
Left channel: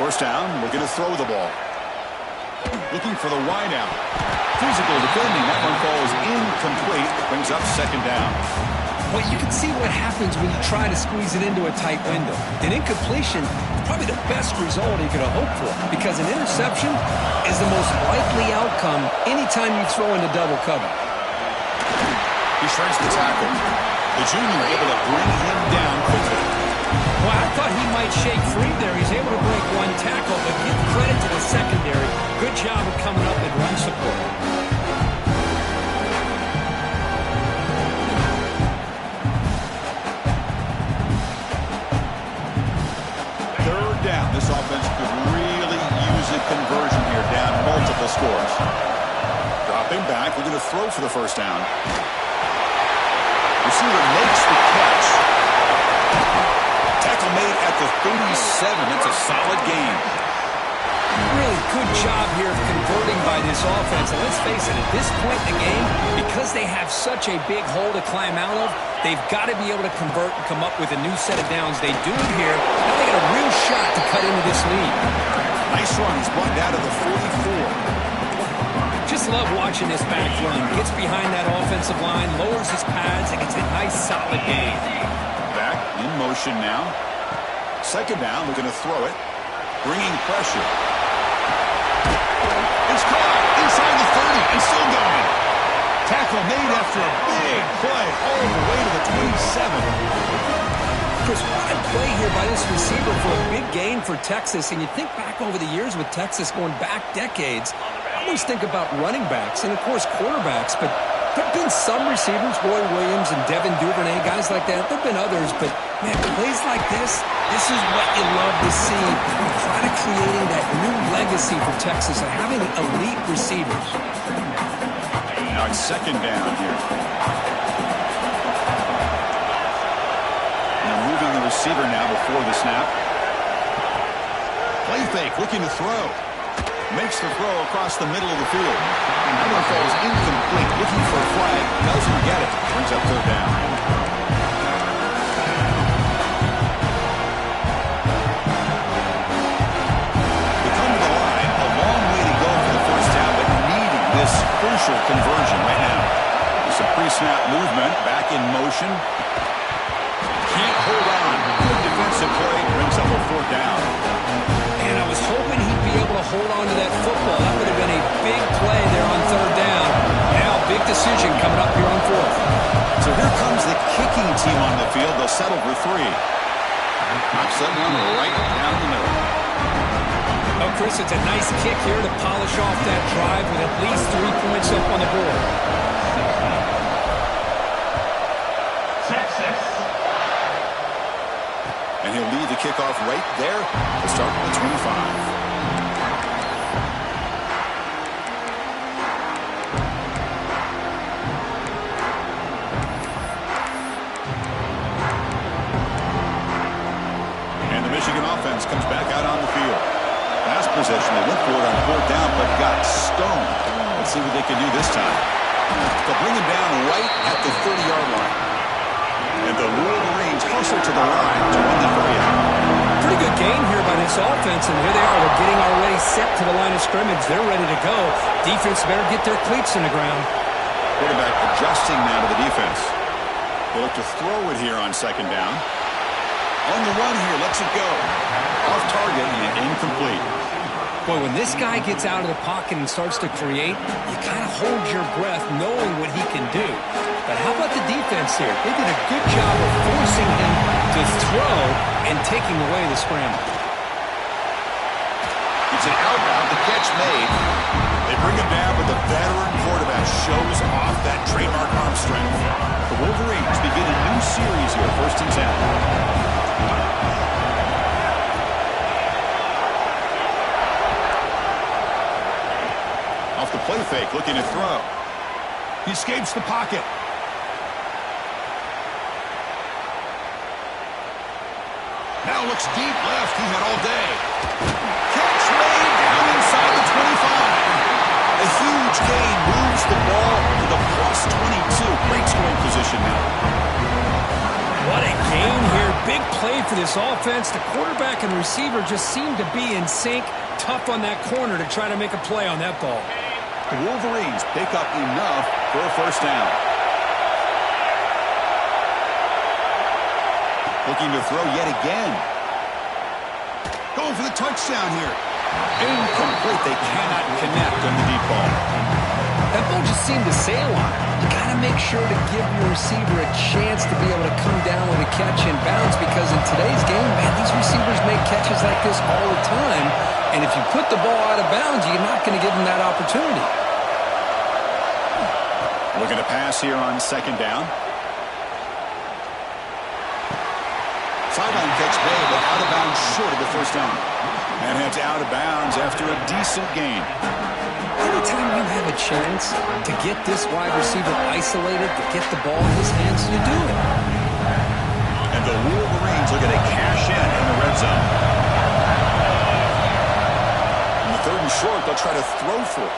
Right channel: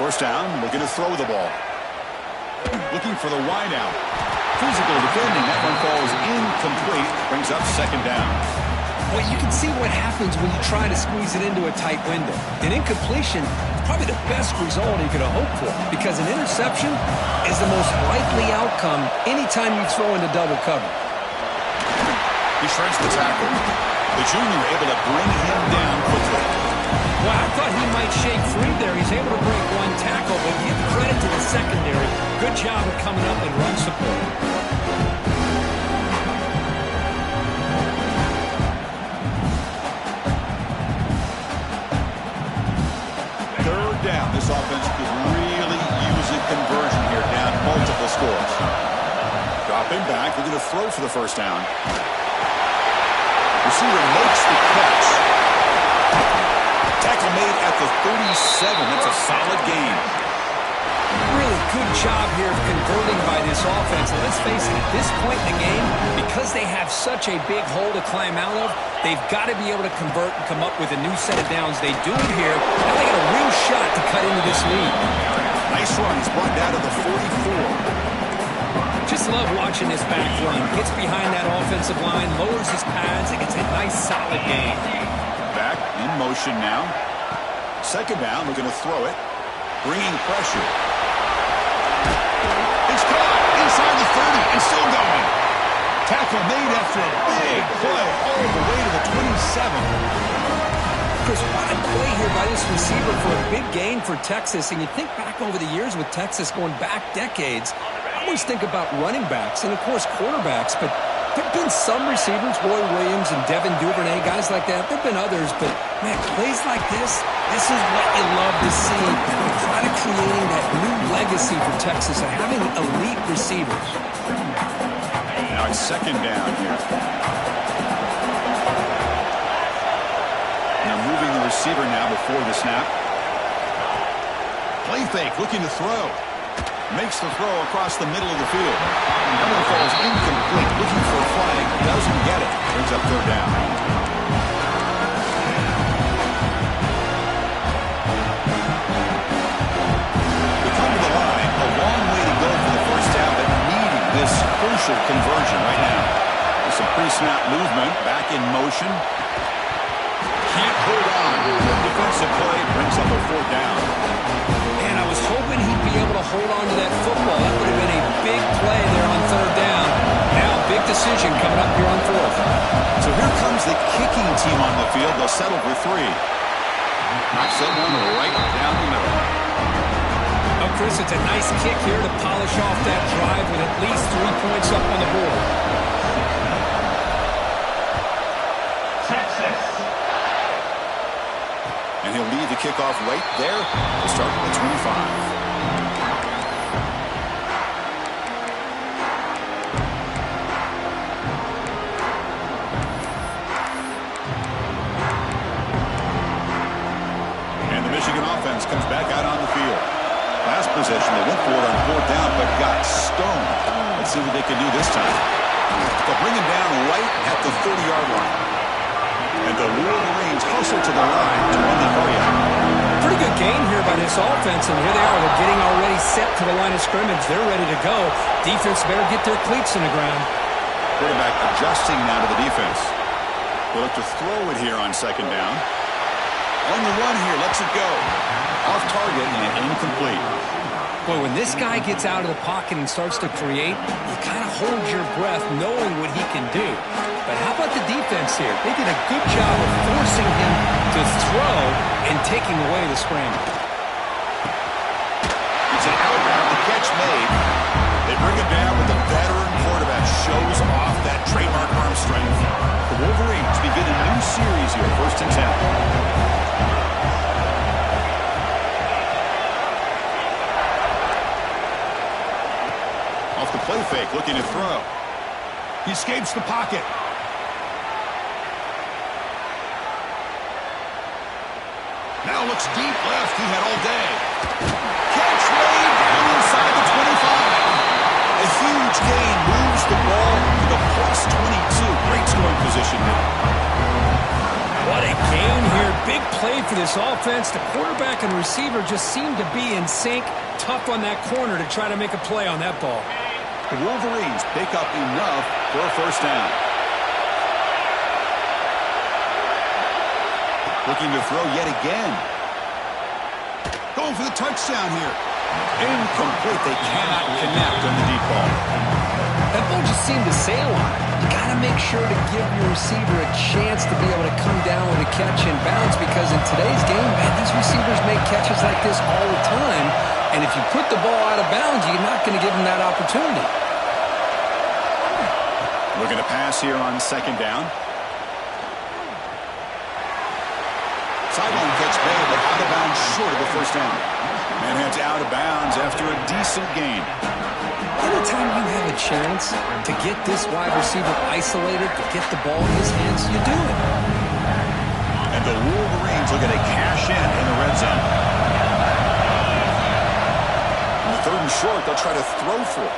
First down, looking to throw the ball. Looking for the wideout. Physical defending. That one falls incomplete. Brings up second down. Well, you can see what happens when you try to squeeze it into a tight window. An incompletion is probably the best result you could have hoped for, because an interception is the most likely outcome anytime you throw into double cover. He shreds the tackle. The junior able to bring him down quickly. Well, I thought he might shake free there. He's able to break one tackle, but give credit to the secondary. Good job of coming up and run support. Third down. This offense could really use a conversion here, down multiple scores. Dropping back, looking to throw for the first down. Receiver makes the catch. Tackle made at the 37. That's a solid gain. Really good job here of converting by this offense. And let's face it, at this point in the game, because they have such a big hole to climb out of, they've got to be able to convert and come up with a new set of downs. They do it here. Now they got a real shot to cut into this lead. Nice run. He's brought down to the 44. Just love watching this back run. Gets behind that offensive line, lowers his pads, and gets a nice solid gain. Back in motion now. Second down, looking to throw it. Bringing pressure. It's caught inside the 30 and still going. Tackle made after a big play all the way to the 27. Chris, what a play here by this receiver for a big gain for Texas. And you think back over the years with Texas going back decades, I always think about running backs and, of course, quarterbacks. But there have been some receivers, Roy Williams and Devin Duvernay, guys like that. There have been others. But, man, plays like this is what you love to see. You try to creating that new legacy for Texas of having elite receivers. Now it's second down here. They're moving the receiver now before the snap. Play fake, looking to throw. Makes the throw across the middle of the field. That one falls incomplete. Looking for a flag. Doesn't get it. Brings up third down. They come to the line. A long way to go for the first down, but needing this crucial conversion right now. With some pre-snap movement. Back in motion. Can't hold on. Good defensive play. Brings up a fourth down. And I was hoping he'd be able to hold on to that football. That would have been a big play there on third down. Now, big decision coming up here on fourth. So here comes the kicking team on the field. They'll settle for three. Knocks that one right down the middle. Oh, Chris, it's a nice kick here to polish off that drive with at least 3 points up on the board. And he'll lead the kickoff right there to start with the 25. And the Michigan offense comes back out on the field. Last possession, they went for it on fourth down, but got stoned. Let's see what they can do this time. They'll bring him down right at the 30-yard line. And the Wolverines hustle to the line to run the hurry up. Pretty good gain here by this offense, and here they are. They're getting already set to the line of scrimmage. They're ready to go. Defense better get their cleats in the ground. Quarterback adjusting now to the defense. They look to throw it here on second down. On the run here, lets it go. Off target and incomplete. Boy, when this guy gets out of the pocket and starts to create, you kind of hold your breath knowing what he can do. But how about the defense here? They did a good job of forcing him to throw and taking away the scramble. It's an out route, the catch made. They bring him down, but the veteran quarterback shows off that trademark arm strength. The Wolverines begin a new series here, 1st and 10. Off the play fake, looking to throw. He escapes the pocket. Now looks deep left. He had all day. Catch made down inside the 25. A huge gain moves the ball to the +22. Great scoring position now. What a gain here. Big play for this offense. The quarterback and receiver just seem to be in sync. Tough on that corner to try to make a play on that ball. The Wolverines pick up enough for a first down. Looking to throw yet again. Going for the touchdown here. Incomplete. They cannot connect on the deep ball. That ball just seemed to sail on it. You got to make sure to give your receiver a chance to be able to come down with a catch and bounce, because in today's game, man, these receivers make catches like this all the time. And if you put the ball out of bounds, you're not going to give them that opportunity. Looking to pass here on second down. Sideline catch made, but out of bounds short of the first down. And heads out of bounds after a decent gain. Anytime you have a chance to get this wide receiver isolated, to get the ball in his hands, you do it. And the Wolverines looking to cash in the red zone. On the 3rd and short, they'll try to throw for it.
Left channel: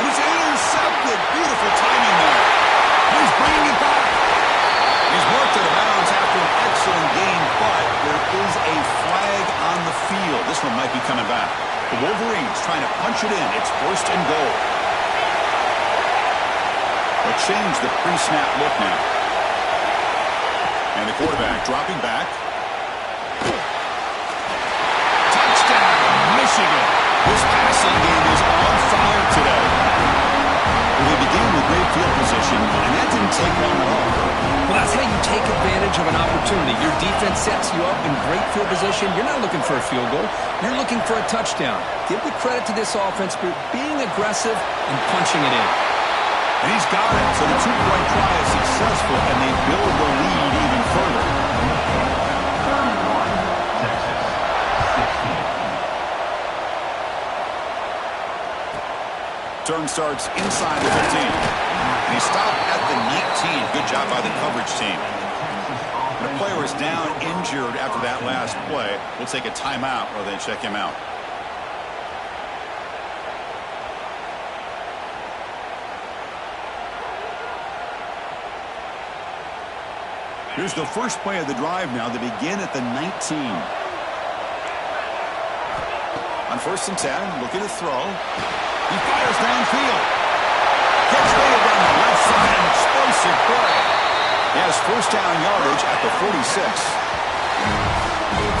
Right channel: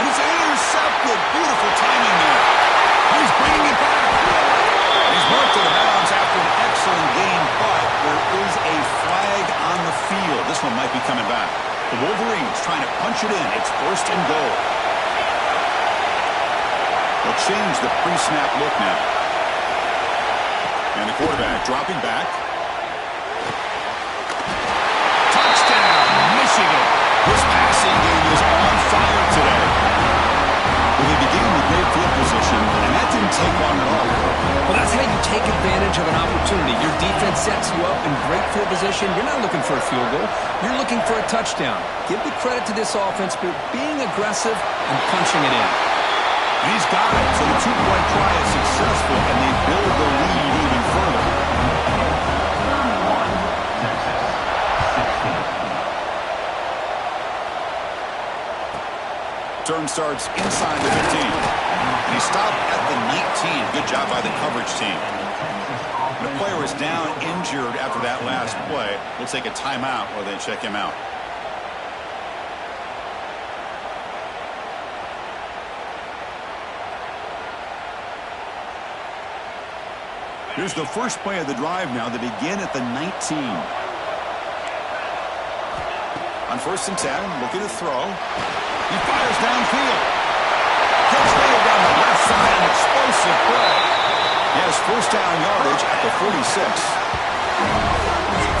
And it's intercepted. Beautiful timing there. And he's bringing it back. He's marked to the bounds after an excellent game, but there is a flag on the field. This one might be coming back. The Wolverines trying to punch it in. It's 1st and goal. They'll change the pre-snap look now. And the quarterback dropping back. Touchdown, Michigan. This passing game is on fire today. Well, they began with great field position, and that didn't take long at all. Well, that's how you take advantage of an opportunity. Your defense sets you up in great field position. You're not looking for a field goal. You're looking for a touchdown. Give the credit to this offense for being aggressive and punching it in. And he's got it. So the two-point try is successful, and they build the lead even further. 31, Texas, 16. Turn starts inside the 15. And he stopped at the 19. Good job by the coverage team. And a player is down injured after that last play. We'll take a timeout while they check him out. Here's the first play of the drive now. They begin at the 19. On 1st and 10, looking to throw. He fires downfield. Catch made down the left side, an explosive play. He has first down yardage at the 46.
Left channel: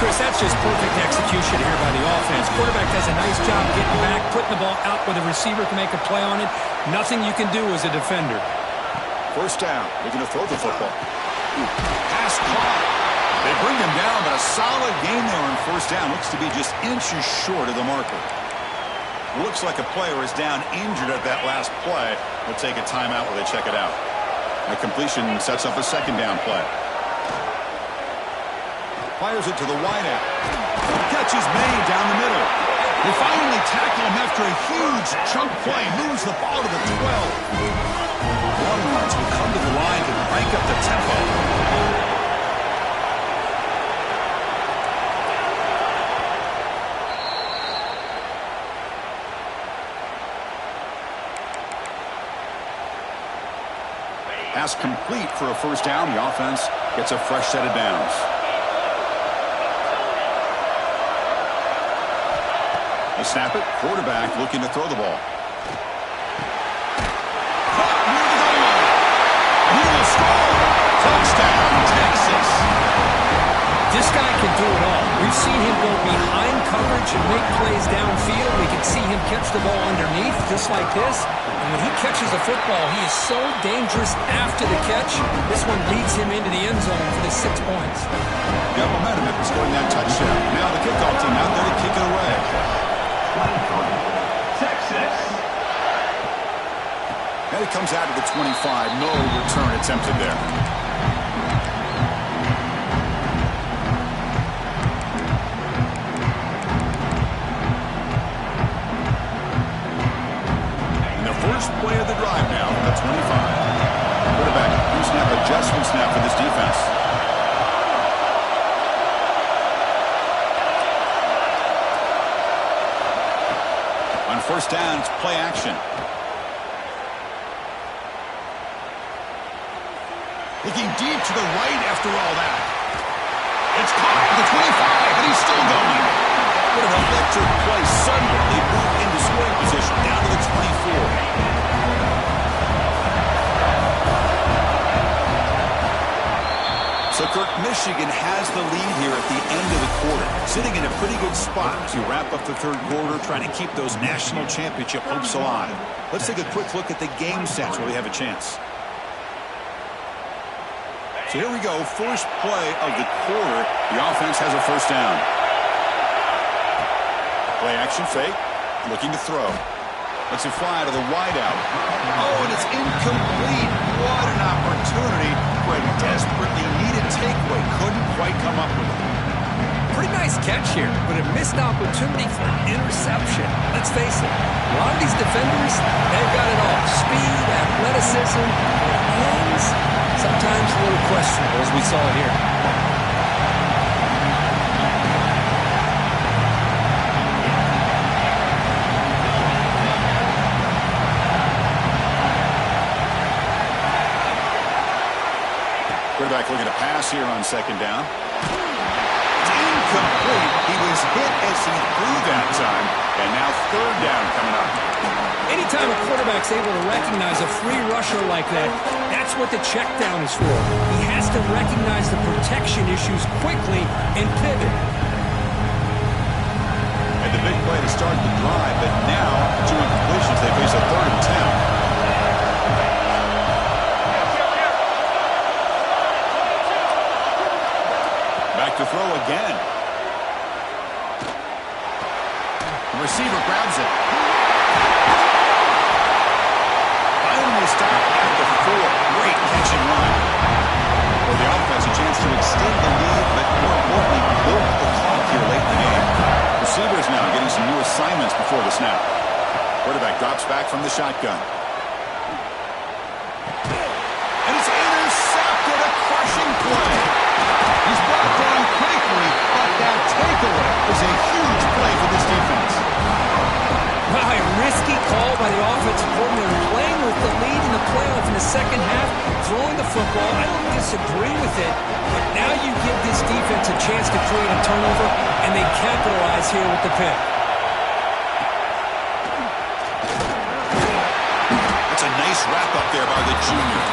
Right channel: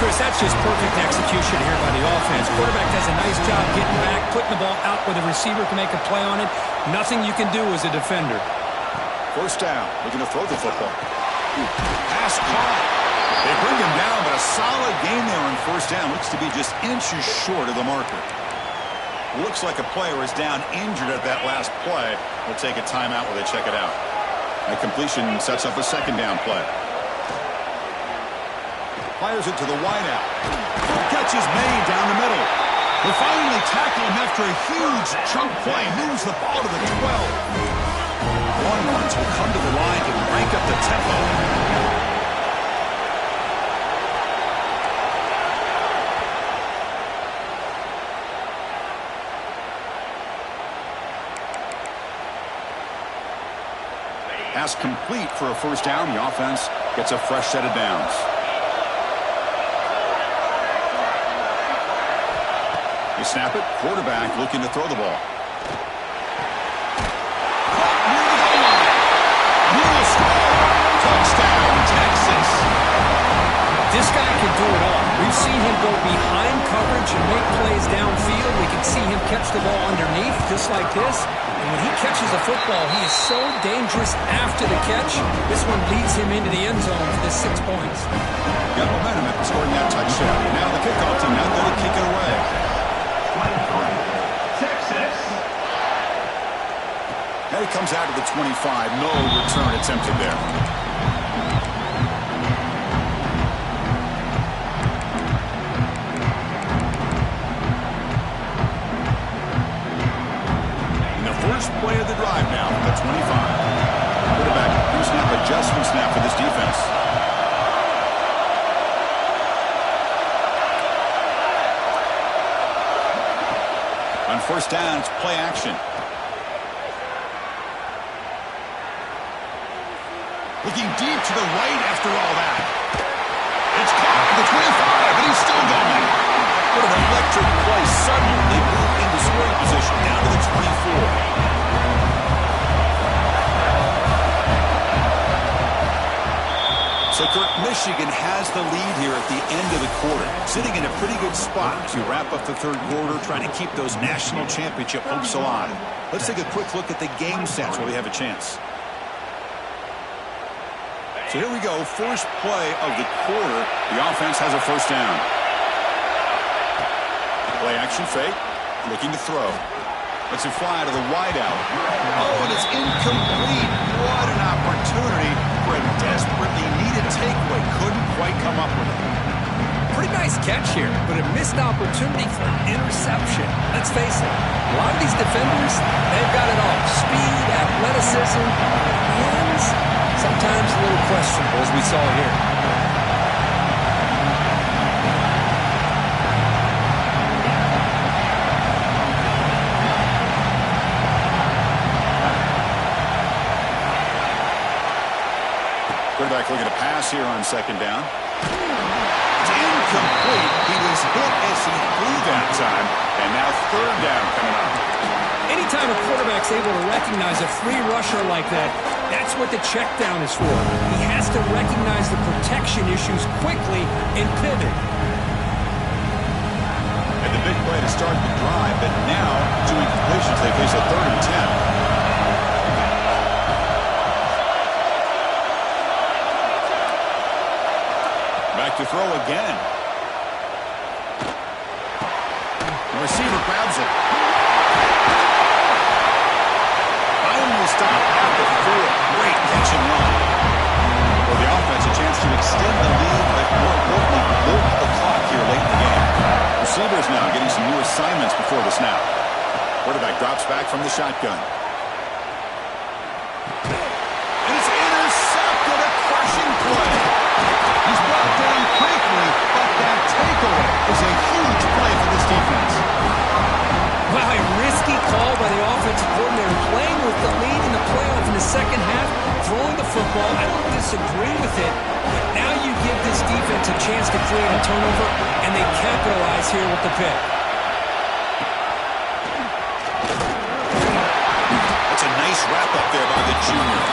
Chris, that's just perfect execution here by the offense. Quarterback does a nice job getting back, putting the ball out where the receiver can make a play on it. Nothing you can do as a defender. First down, looking to throw the football. Pass caught. They bring him down, but a solid gain there on first down. Looks to be just inches short of the marker. Looks like a player is down injured at that last play. We'll take a timeout while they check it out. That completion sets up a second down play. Fires it to the wideout. Catch is made down the middle. They finally tackle him after a huge chunk play. Moves the ball to the 12. Longhorns will come to the line to crank up the tempo. Pass complete for a first down. The offense gets a fresh set of downs. They snap it. Quarterback looking to throw the ball. Caught near the goal line. He will score. Touchdown, Texas. This guy can do it all. We've seen him go behind coverage and make plays downfield. We can see him catch the ball underneath just like this. And when he catches a football, he is so dangerous after the catch. This one leads him into the end zone for the 6 points. Got momentum after scoring that touchdown. Now the kickoff team out there to kick it away. 23, Texas. And it comes out of the 25. No return attempted there. First play of the drive now, the 25. Quarterback, pre-snap adjustment snap for this defense. On first down, it's play action. Looking deep to the right after all that. It's caught at the 25, and he's still going. What an electric play. Suddenly, they move into scoring position down to the 24. So, Kirk, Michigan has the lead here at the end of the quarter, sitting in a pretty good spot to wrap up the third quarter, trying to keep those national championship hopes alive. Let's take a quick look at the game stats while we have a chance. So here we go. First play of the quarter. The offense has a first down. Play action fake. Looking to throw. Lets it fly to the wideout. Oh, and it's incomplete. What an opportunity for a desperately needed takeaway. Couldn't quite come up with it. Pretty nice catch here, but a missed opportunity for an interception. Let's face it, a lot of these defenders, they've got it all. Speed, athleticism, but hands, sometimes a little questionable, as we saw here. Quarterback looking to pass here on second down. It's incomplete. He was hit as he threw that time, and now third down coming up. Anytime a quarterback's able to recognize a free rusher like that, that's what the check down is for. He has to recognize the protection issues quickly and pivot. And the big play to start the drive, but now, two incompletions, they face a 3rd and 10. to throw again. The receiver grabs it. Finally stopped at the 4. Great catch and run. For the offense, a chance to extend the lead, but more importantly, milk the clock here late in the game. Receivers now getting some new assignments before the snap. Quarterback drops back from the shotgun. And it's intercepted, a crushing play. He's brought down quickly, but that takeaway is a huge play for this defense. Wow, a risky call by the offensive coordinator, playing with the lead in the playoff in the second half, throwing the football. I don't disagree with it, but now you give this defense a chance to create a turnover, and they capitalize here with the pick. That's a nice wrap-up there by the junior.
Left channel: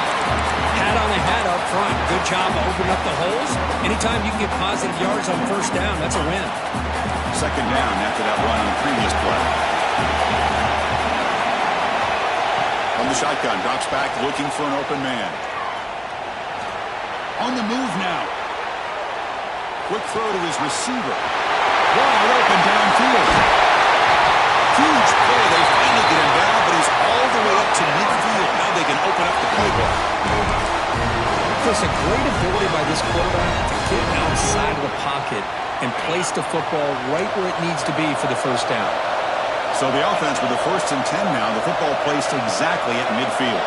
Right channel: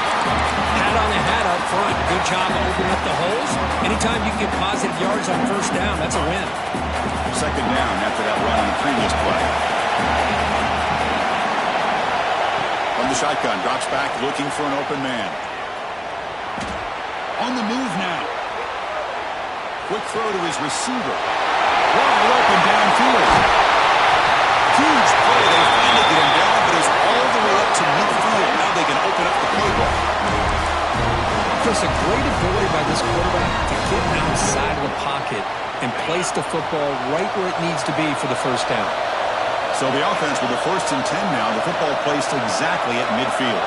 Hat on the hat up front. Good job of opening up the holes. Anytime you can get positive yards on first down, that's a win. Second down after that run on the previous play. From the shotgun, drops back looking for an open man. On the move now. Quick throw to his receiver. Wide open downfield. Huge play. They finally get him down, but he's all the way up to midfield. Now they can open up the playbook. Chris, a great ability by this quarterback to get outside of the pocket and place the football right where it needs to be for the first down. So the offense with the 1st and 10 now, the football placed exactly at midfield.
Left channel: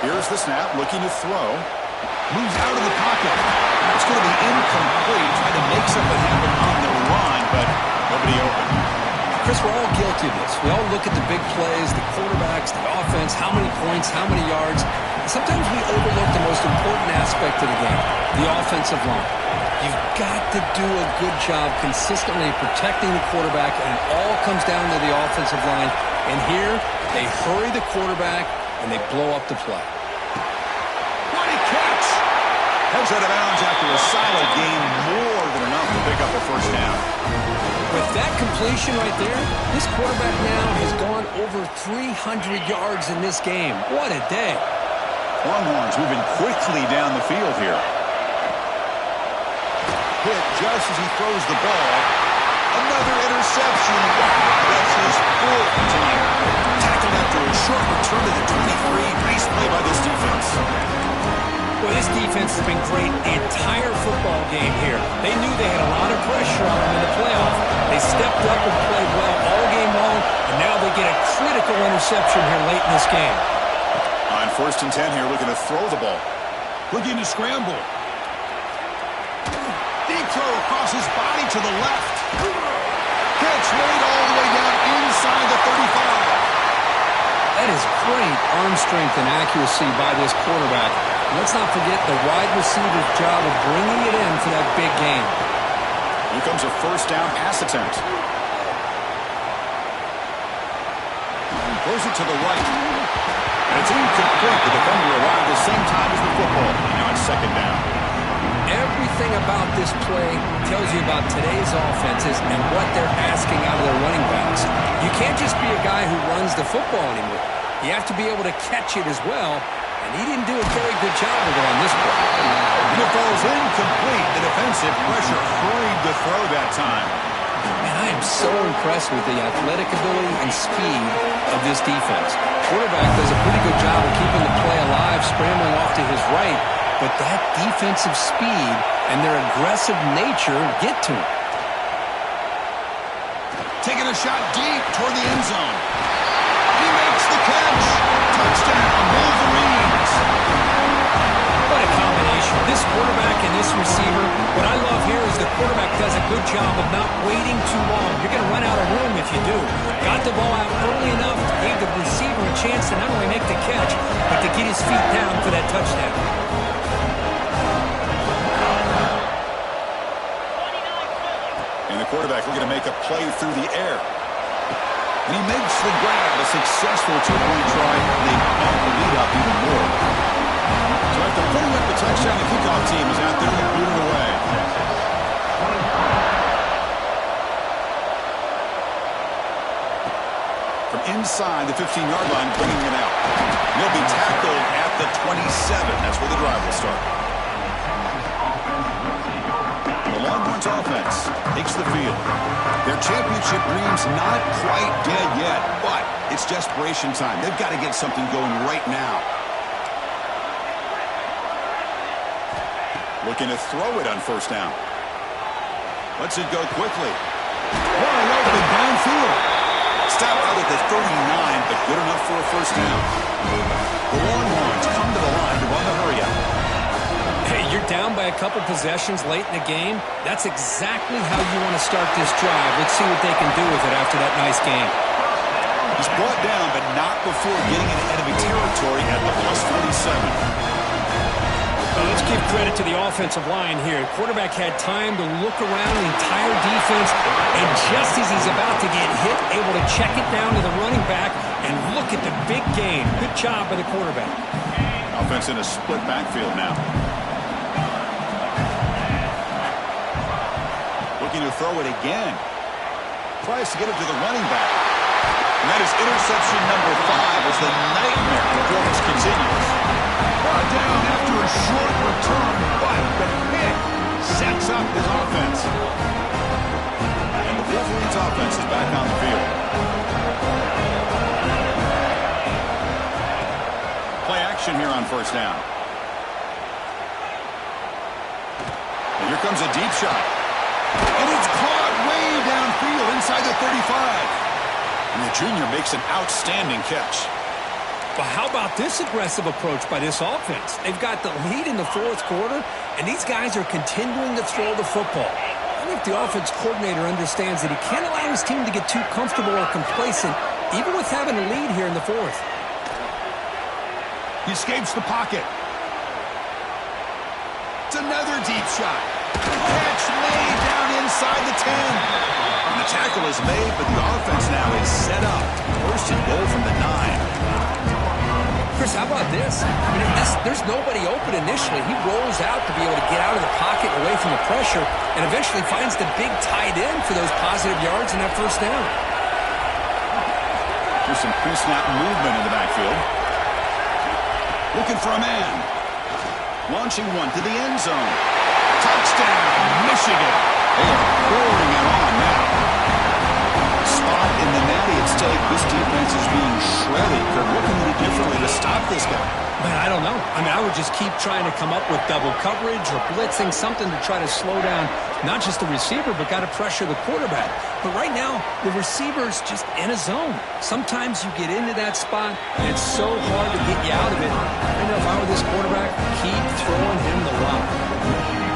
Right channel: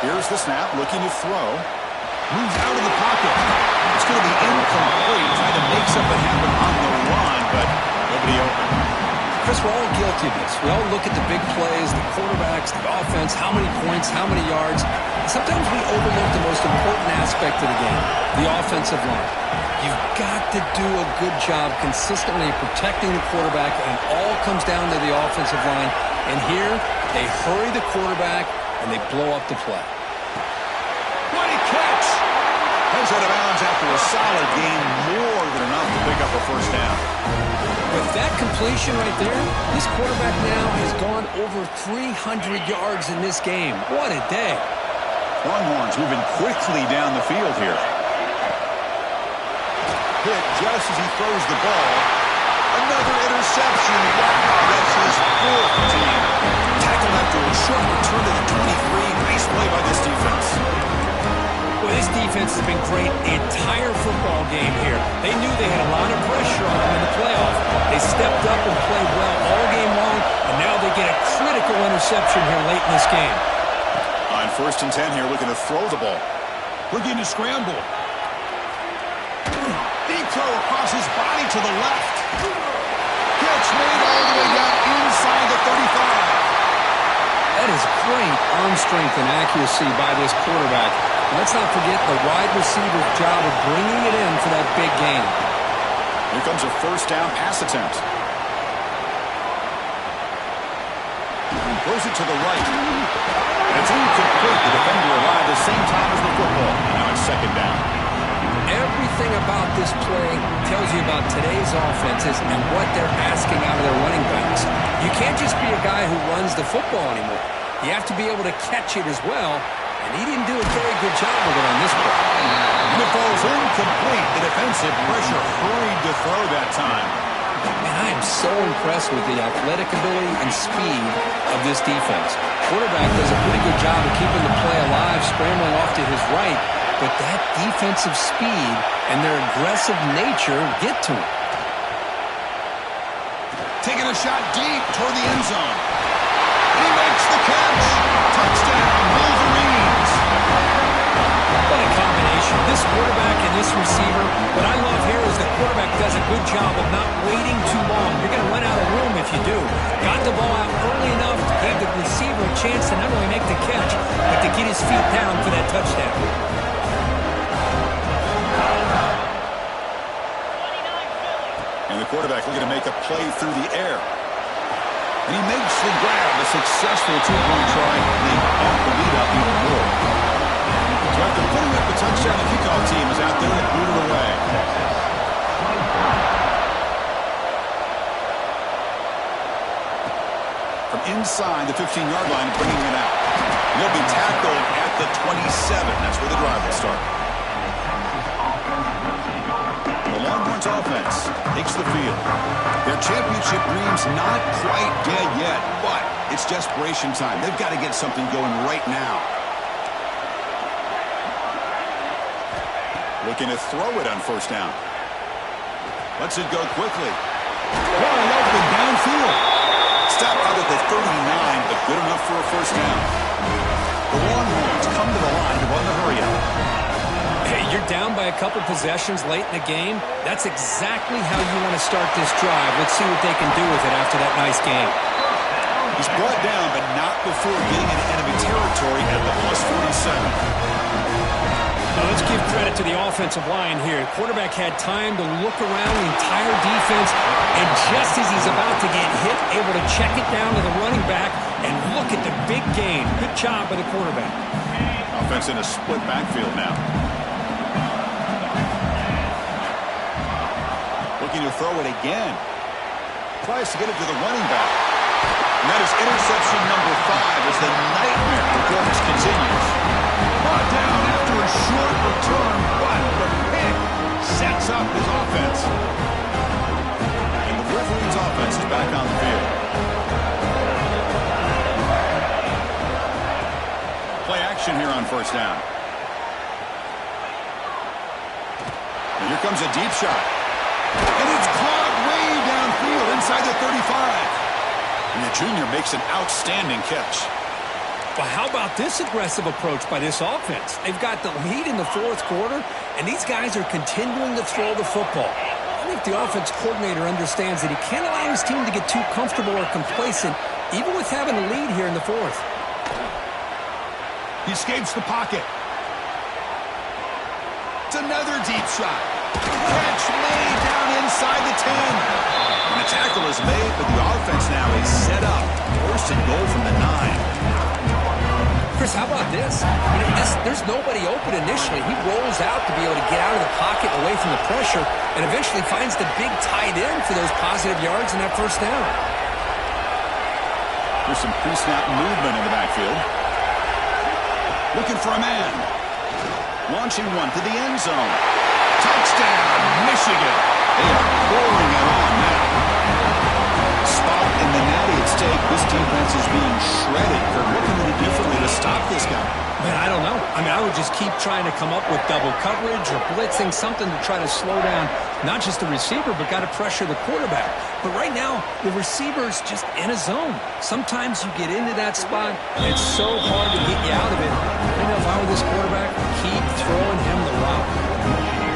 Here's the snap, looking to throw. Moves out of the pocket. It's going to be incomplete. Tried to make something happen on the run, but nobody open. Chris, we're all guilty of this. We all look at the big plays, the quarterbacks, the offense, how many points, how many yards. Sometimes we overlook the most important aspect of the game, the offensive line. You've got to do a good job consistently protecting the quarterback, and it all comes down to the offensive line. And here, they hurry the quarterback, and they blow up the play. What a catch! Heads out of bounds after a solid gain, more than enough to pick up a first down. With that completion right there, this quarterback now has gone over 300 yards in this game. What a day. Longhorns moving quickly down the field here. Hit just as he throws the ball. Another interception. Wow, that's his 4th team. Tackled after a short return to the 23. Nice play by this defense. Well, this defense has been great the entire football game here. They knew they had a lot of pressure on them in the playoff. They stepped up and played well all game long, and now they get a critical interception here late in this game. On 1st and 10 here, looking to throw the ball. Looking to scramble. Deep throw across his body to the left. Catch made all the way down inside the 35. That is great arm strength and accuracy by this quarterback. Let's not forget the wide receiver's job of bringing it in for that big game. Here comes a first down pass attempt. Throws it to the right. And it's incomplete. The defender arrived the same time as the football. And now it's second down. Everything about this play tells you about today's offenses and what they're asking out of their running backs. You can't just be a guy who runs the football anymore. You have to be able to catch it as well. And he didn't do a very good job of it on this play. And it falls incomplete. The defensive pressure hurried to throw that time. Man, I am so impressed with the athletic ability and speed of this defense. Quarterback does a pretty good job of keeping the play alive, scrambling off to his right. But that defensive speed and their aggressive nature get to him. Taking a shot deep toward the end zone. He makes the catch. Touchdown, Wolverines. What a combination. This quarterback and this receiver. What I love here is the quarterback does a good job of not waiting too long. You're going to run out of room if you do. Got the ball out early enough, gave the receiver a chance to not only make the catch, but to get his feet down for that touchdown. And the quarterback looking to make a play through the air. And he makes the grab, a successful two-point try, and they bump the lead up even more. So after putting up the touchdown, the kickoff team is out there to boot it away. From inside the 15-yard line, bringing it out. He'll be tackled at the 27. That's where the drive will start. The Longhorns offense takes the field. Their championship dreams not quite dead yet, but it's desperation time. They've got to get something going right now. Looking to throw it on first down. Lets it go quickly. Wide open downfield. Stopped out at the 39, but good enough for a first down. The Longhorns come to the line to run the hurry up. Hey, you're down by a couple possessions late in the game. That's exactly how you want to start this drive. Let's see what they can do with it after that nice game. He's brought down, but not before getting into enemy territory at the plus 47. Let's give credit to the offensive line here. Quarterback had time to look around the entire defense, and just as he's about to get hit, able to check it down to the running back, and look at the big gain. Good job by the quarterback. Offense in a split backfield now. Looking to throw it again. Tries to get it to the running back. And that is interception number 5 as the nightmare performance continues. Brought down after a short return, but the pick sets up his offense. And the Wolverines offense is back on the field. Play action here on first down. And here comes a deep shot. And it's caught way downfield inside the 35. And the junior makes an outstanding catch. Well, how about this aggressive approach by this offense? They've got the lead in the fourth quarter, and these guys are continuing to throw the football. I think the offense coordinator understands that he can't allow his team to get too comfortable or complacent, even with having a lead here in the fourth. He escapes the pocket. It's another deep shot. Catch made down inside the 10. And the tackle is made, but the offense now is set up. First and goal from the 9. Chris, how about this? There's nobody open initially. He rolls out to be able to get out of the pocket away from the pressure and eventually finds the big tight end for those positive yards in that first down. There's some pre-snap movement in the backfield. Looking for a man. Launching one to the end zone. Touchdown, Michigan. They are pouring it on now. Spot in the natty at stake. This defense is being shredded. Kirk, what can we do differently to stop this guy? Man, I don't know. I would just keep trying to come up with double coverage or blitzing, something to try to slow down not just the receiver, but got to pressure the quarterback. But right now, the receiver's just in a zone. Sometimes you get into that spot, and it's so hard to get you out of it. I know if I were this quarterback, keep throwing him the rock. Michigan,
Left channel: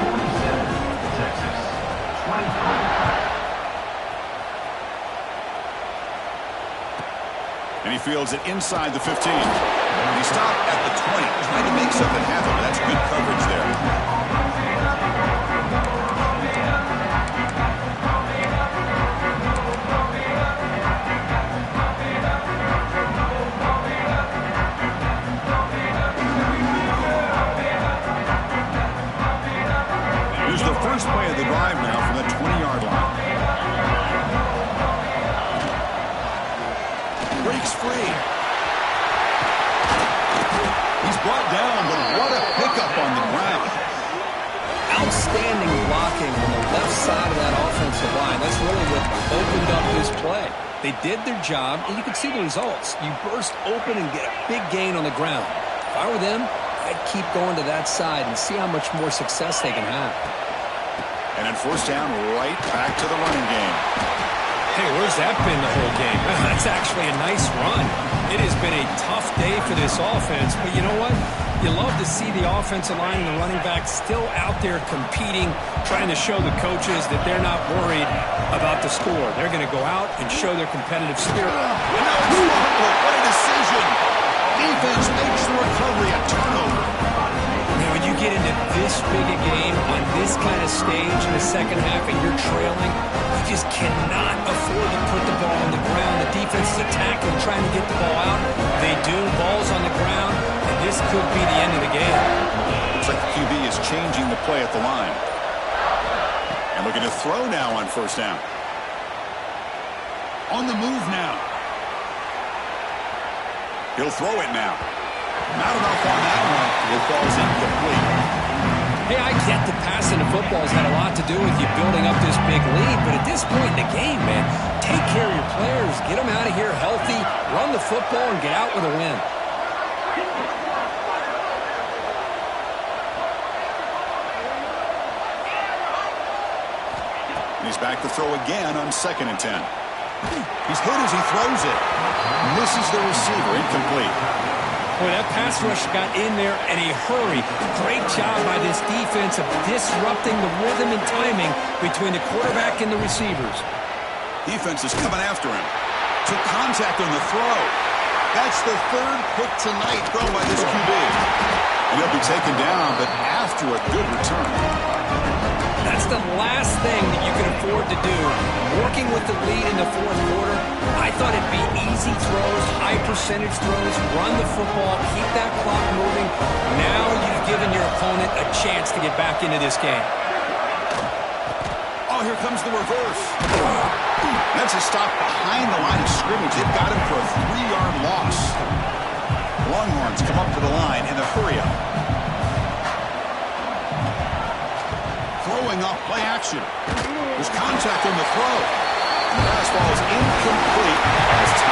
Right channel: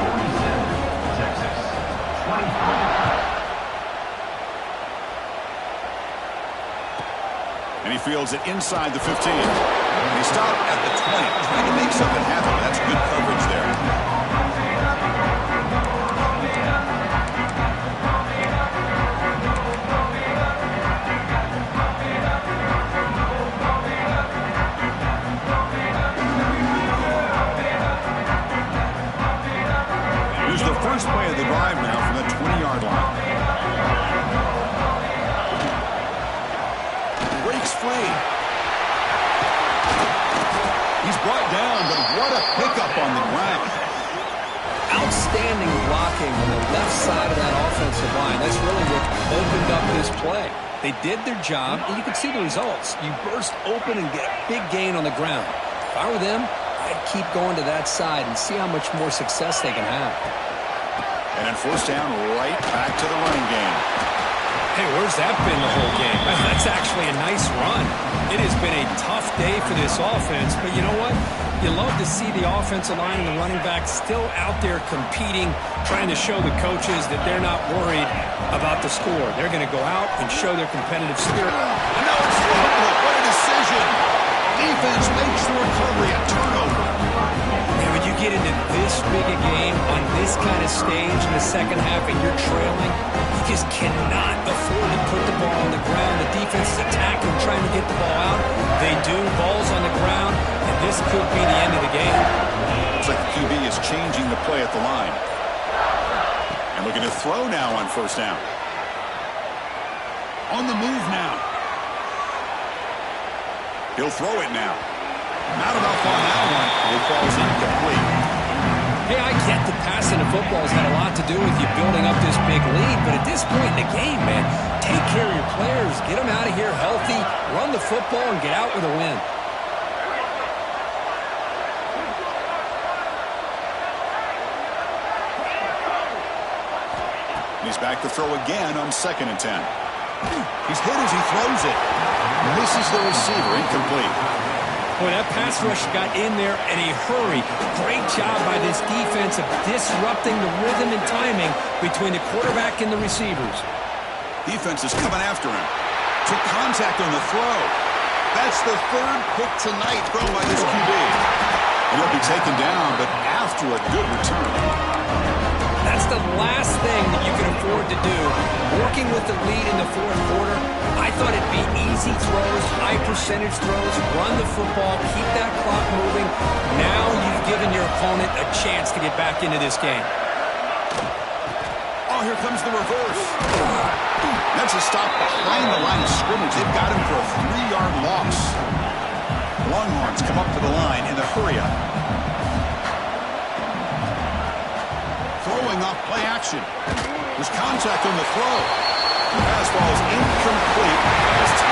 47, Texas, 23. And he fields it inside the 15. And he stopped at the 20, trying to make something happen. But that's good coverage there. Here's the first play of the drive now from the 20-yard line. Breaks free. He's brought down, but what a pickup on the ground. Outstanding blocking on the left side of that offensive line. That's really what opened up this play. They did their job, and you can see the results. You burst open and get a big gain on the ground. If I were them, I'd keep going to that side and see how much more success they can have. And then first down, right back to the running game. Hey, where's that been the whole game? That's actually a nice run. It has been a tough day for this offense, but you know what? You love to see the offensive line and the running back still out there competing, trying to show the coaches that they're not worried about the score. They're going to go out and show their competitive spirit. And now it's fumbled. What a decision. Defense makes the recovery a turnover. Now, when you get into this big a game on this kind of stage in the second half and you're trailing, you just cannot afford to put the ball on the ground. The defense is attacking, trying to get the ball out. They do. Ball's on the ground, and this could be the end of the game. Looks like the QB is changing the play at the line. And looking to throw now on first down. On the move now. He'll throw it now. Not enough on that one. It falls incomplete. Hey, I get that passing the football's had a lot to do with you building up this big lead, but at this point in the game, man, take care of your players, get them out of here healthy, run the football, and get out with a win. He's back to throw again on 2nd and 10. He's hit as he throws it. Misses the receiver, incomplete. Boy, that pass rush got in there in a hurry. Great job by this defense of disrupting the rhythm and timing between the quarterback and the receivers. Defense is coming after him. Took contact on the throw. That's the 3rd pick tonight thrown by this QB. And he'll be taken down, but after a good return. That's the last thing that you can afford to do. Working with the lead in the 4th quarter, I thought it'd be easy throws, high percentage throws, run the football, keep that clock moving. Now you've given your opponent a chance to get back into this game. Oh, here comes the reverse. That's a stop behind the line of scrimmage. They've got him for a 3-yard loss. Longhorns come up to the line in the hurry-up. Throwing off play action. There's contact on the throw. The pass ball is incomplete as time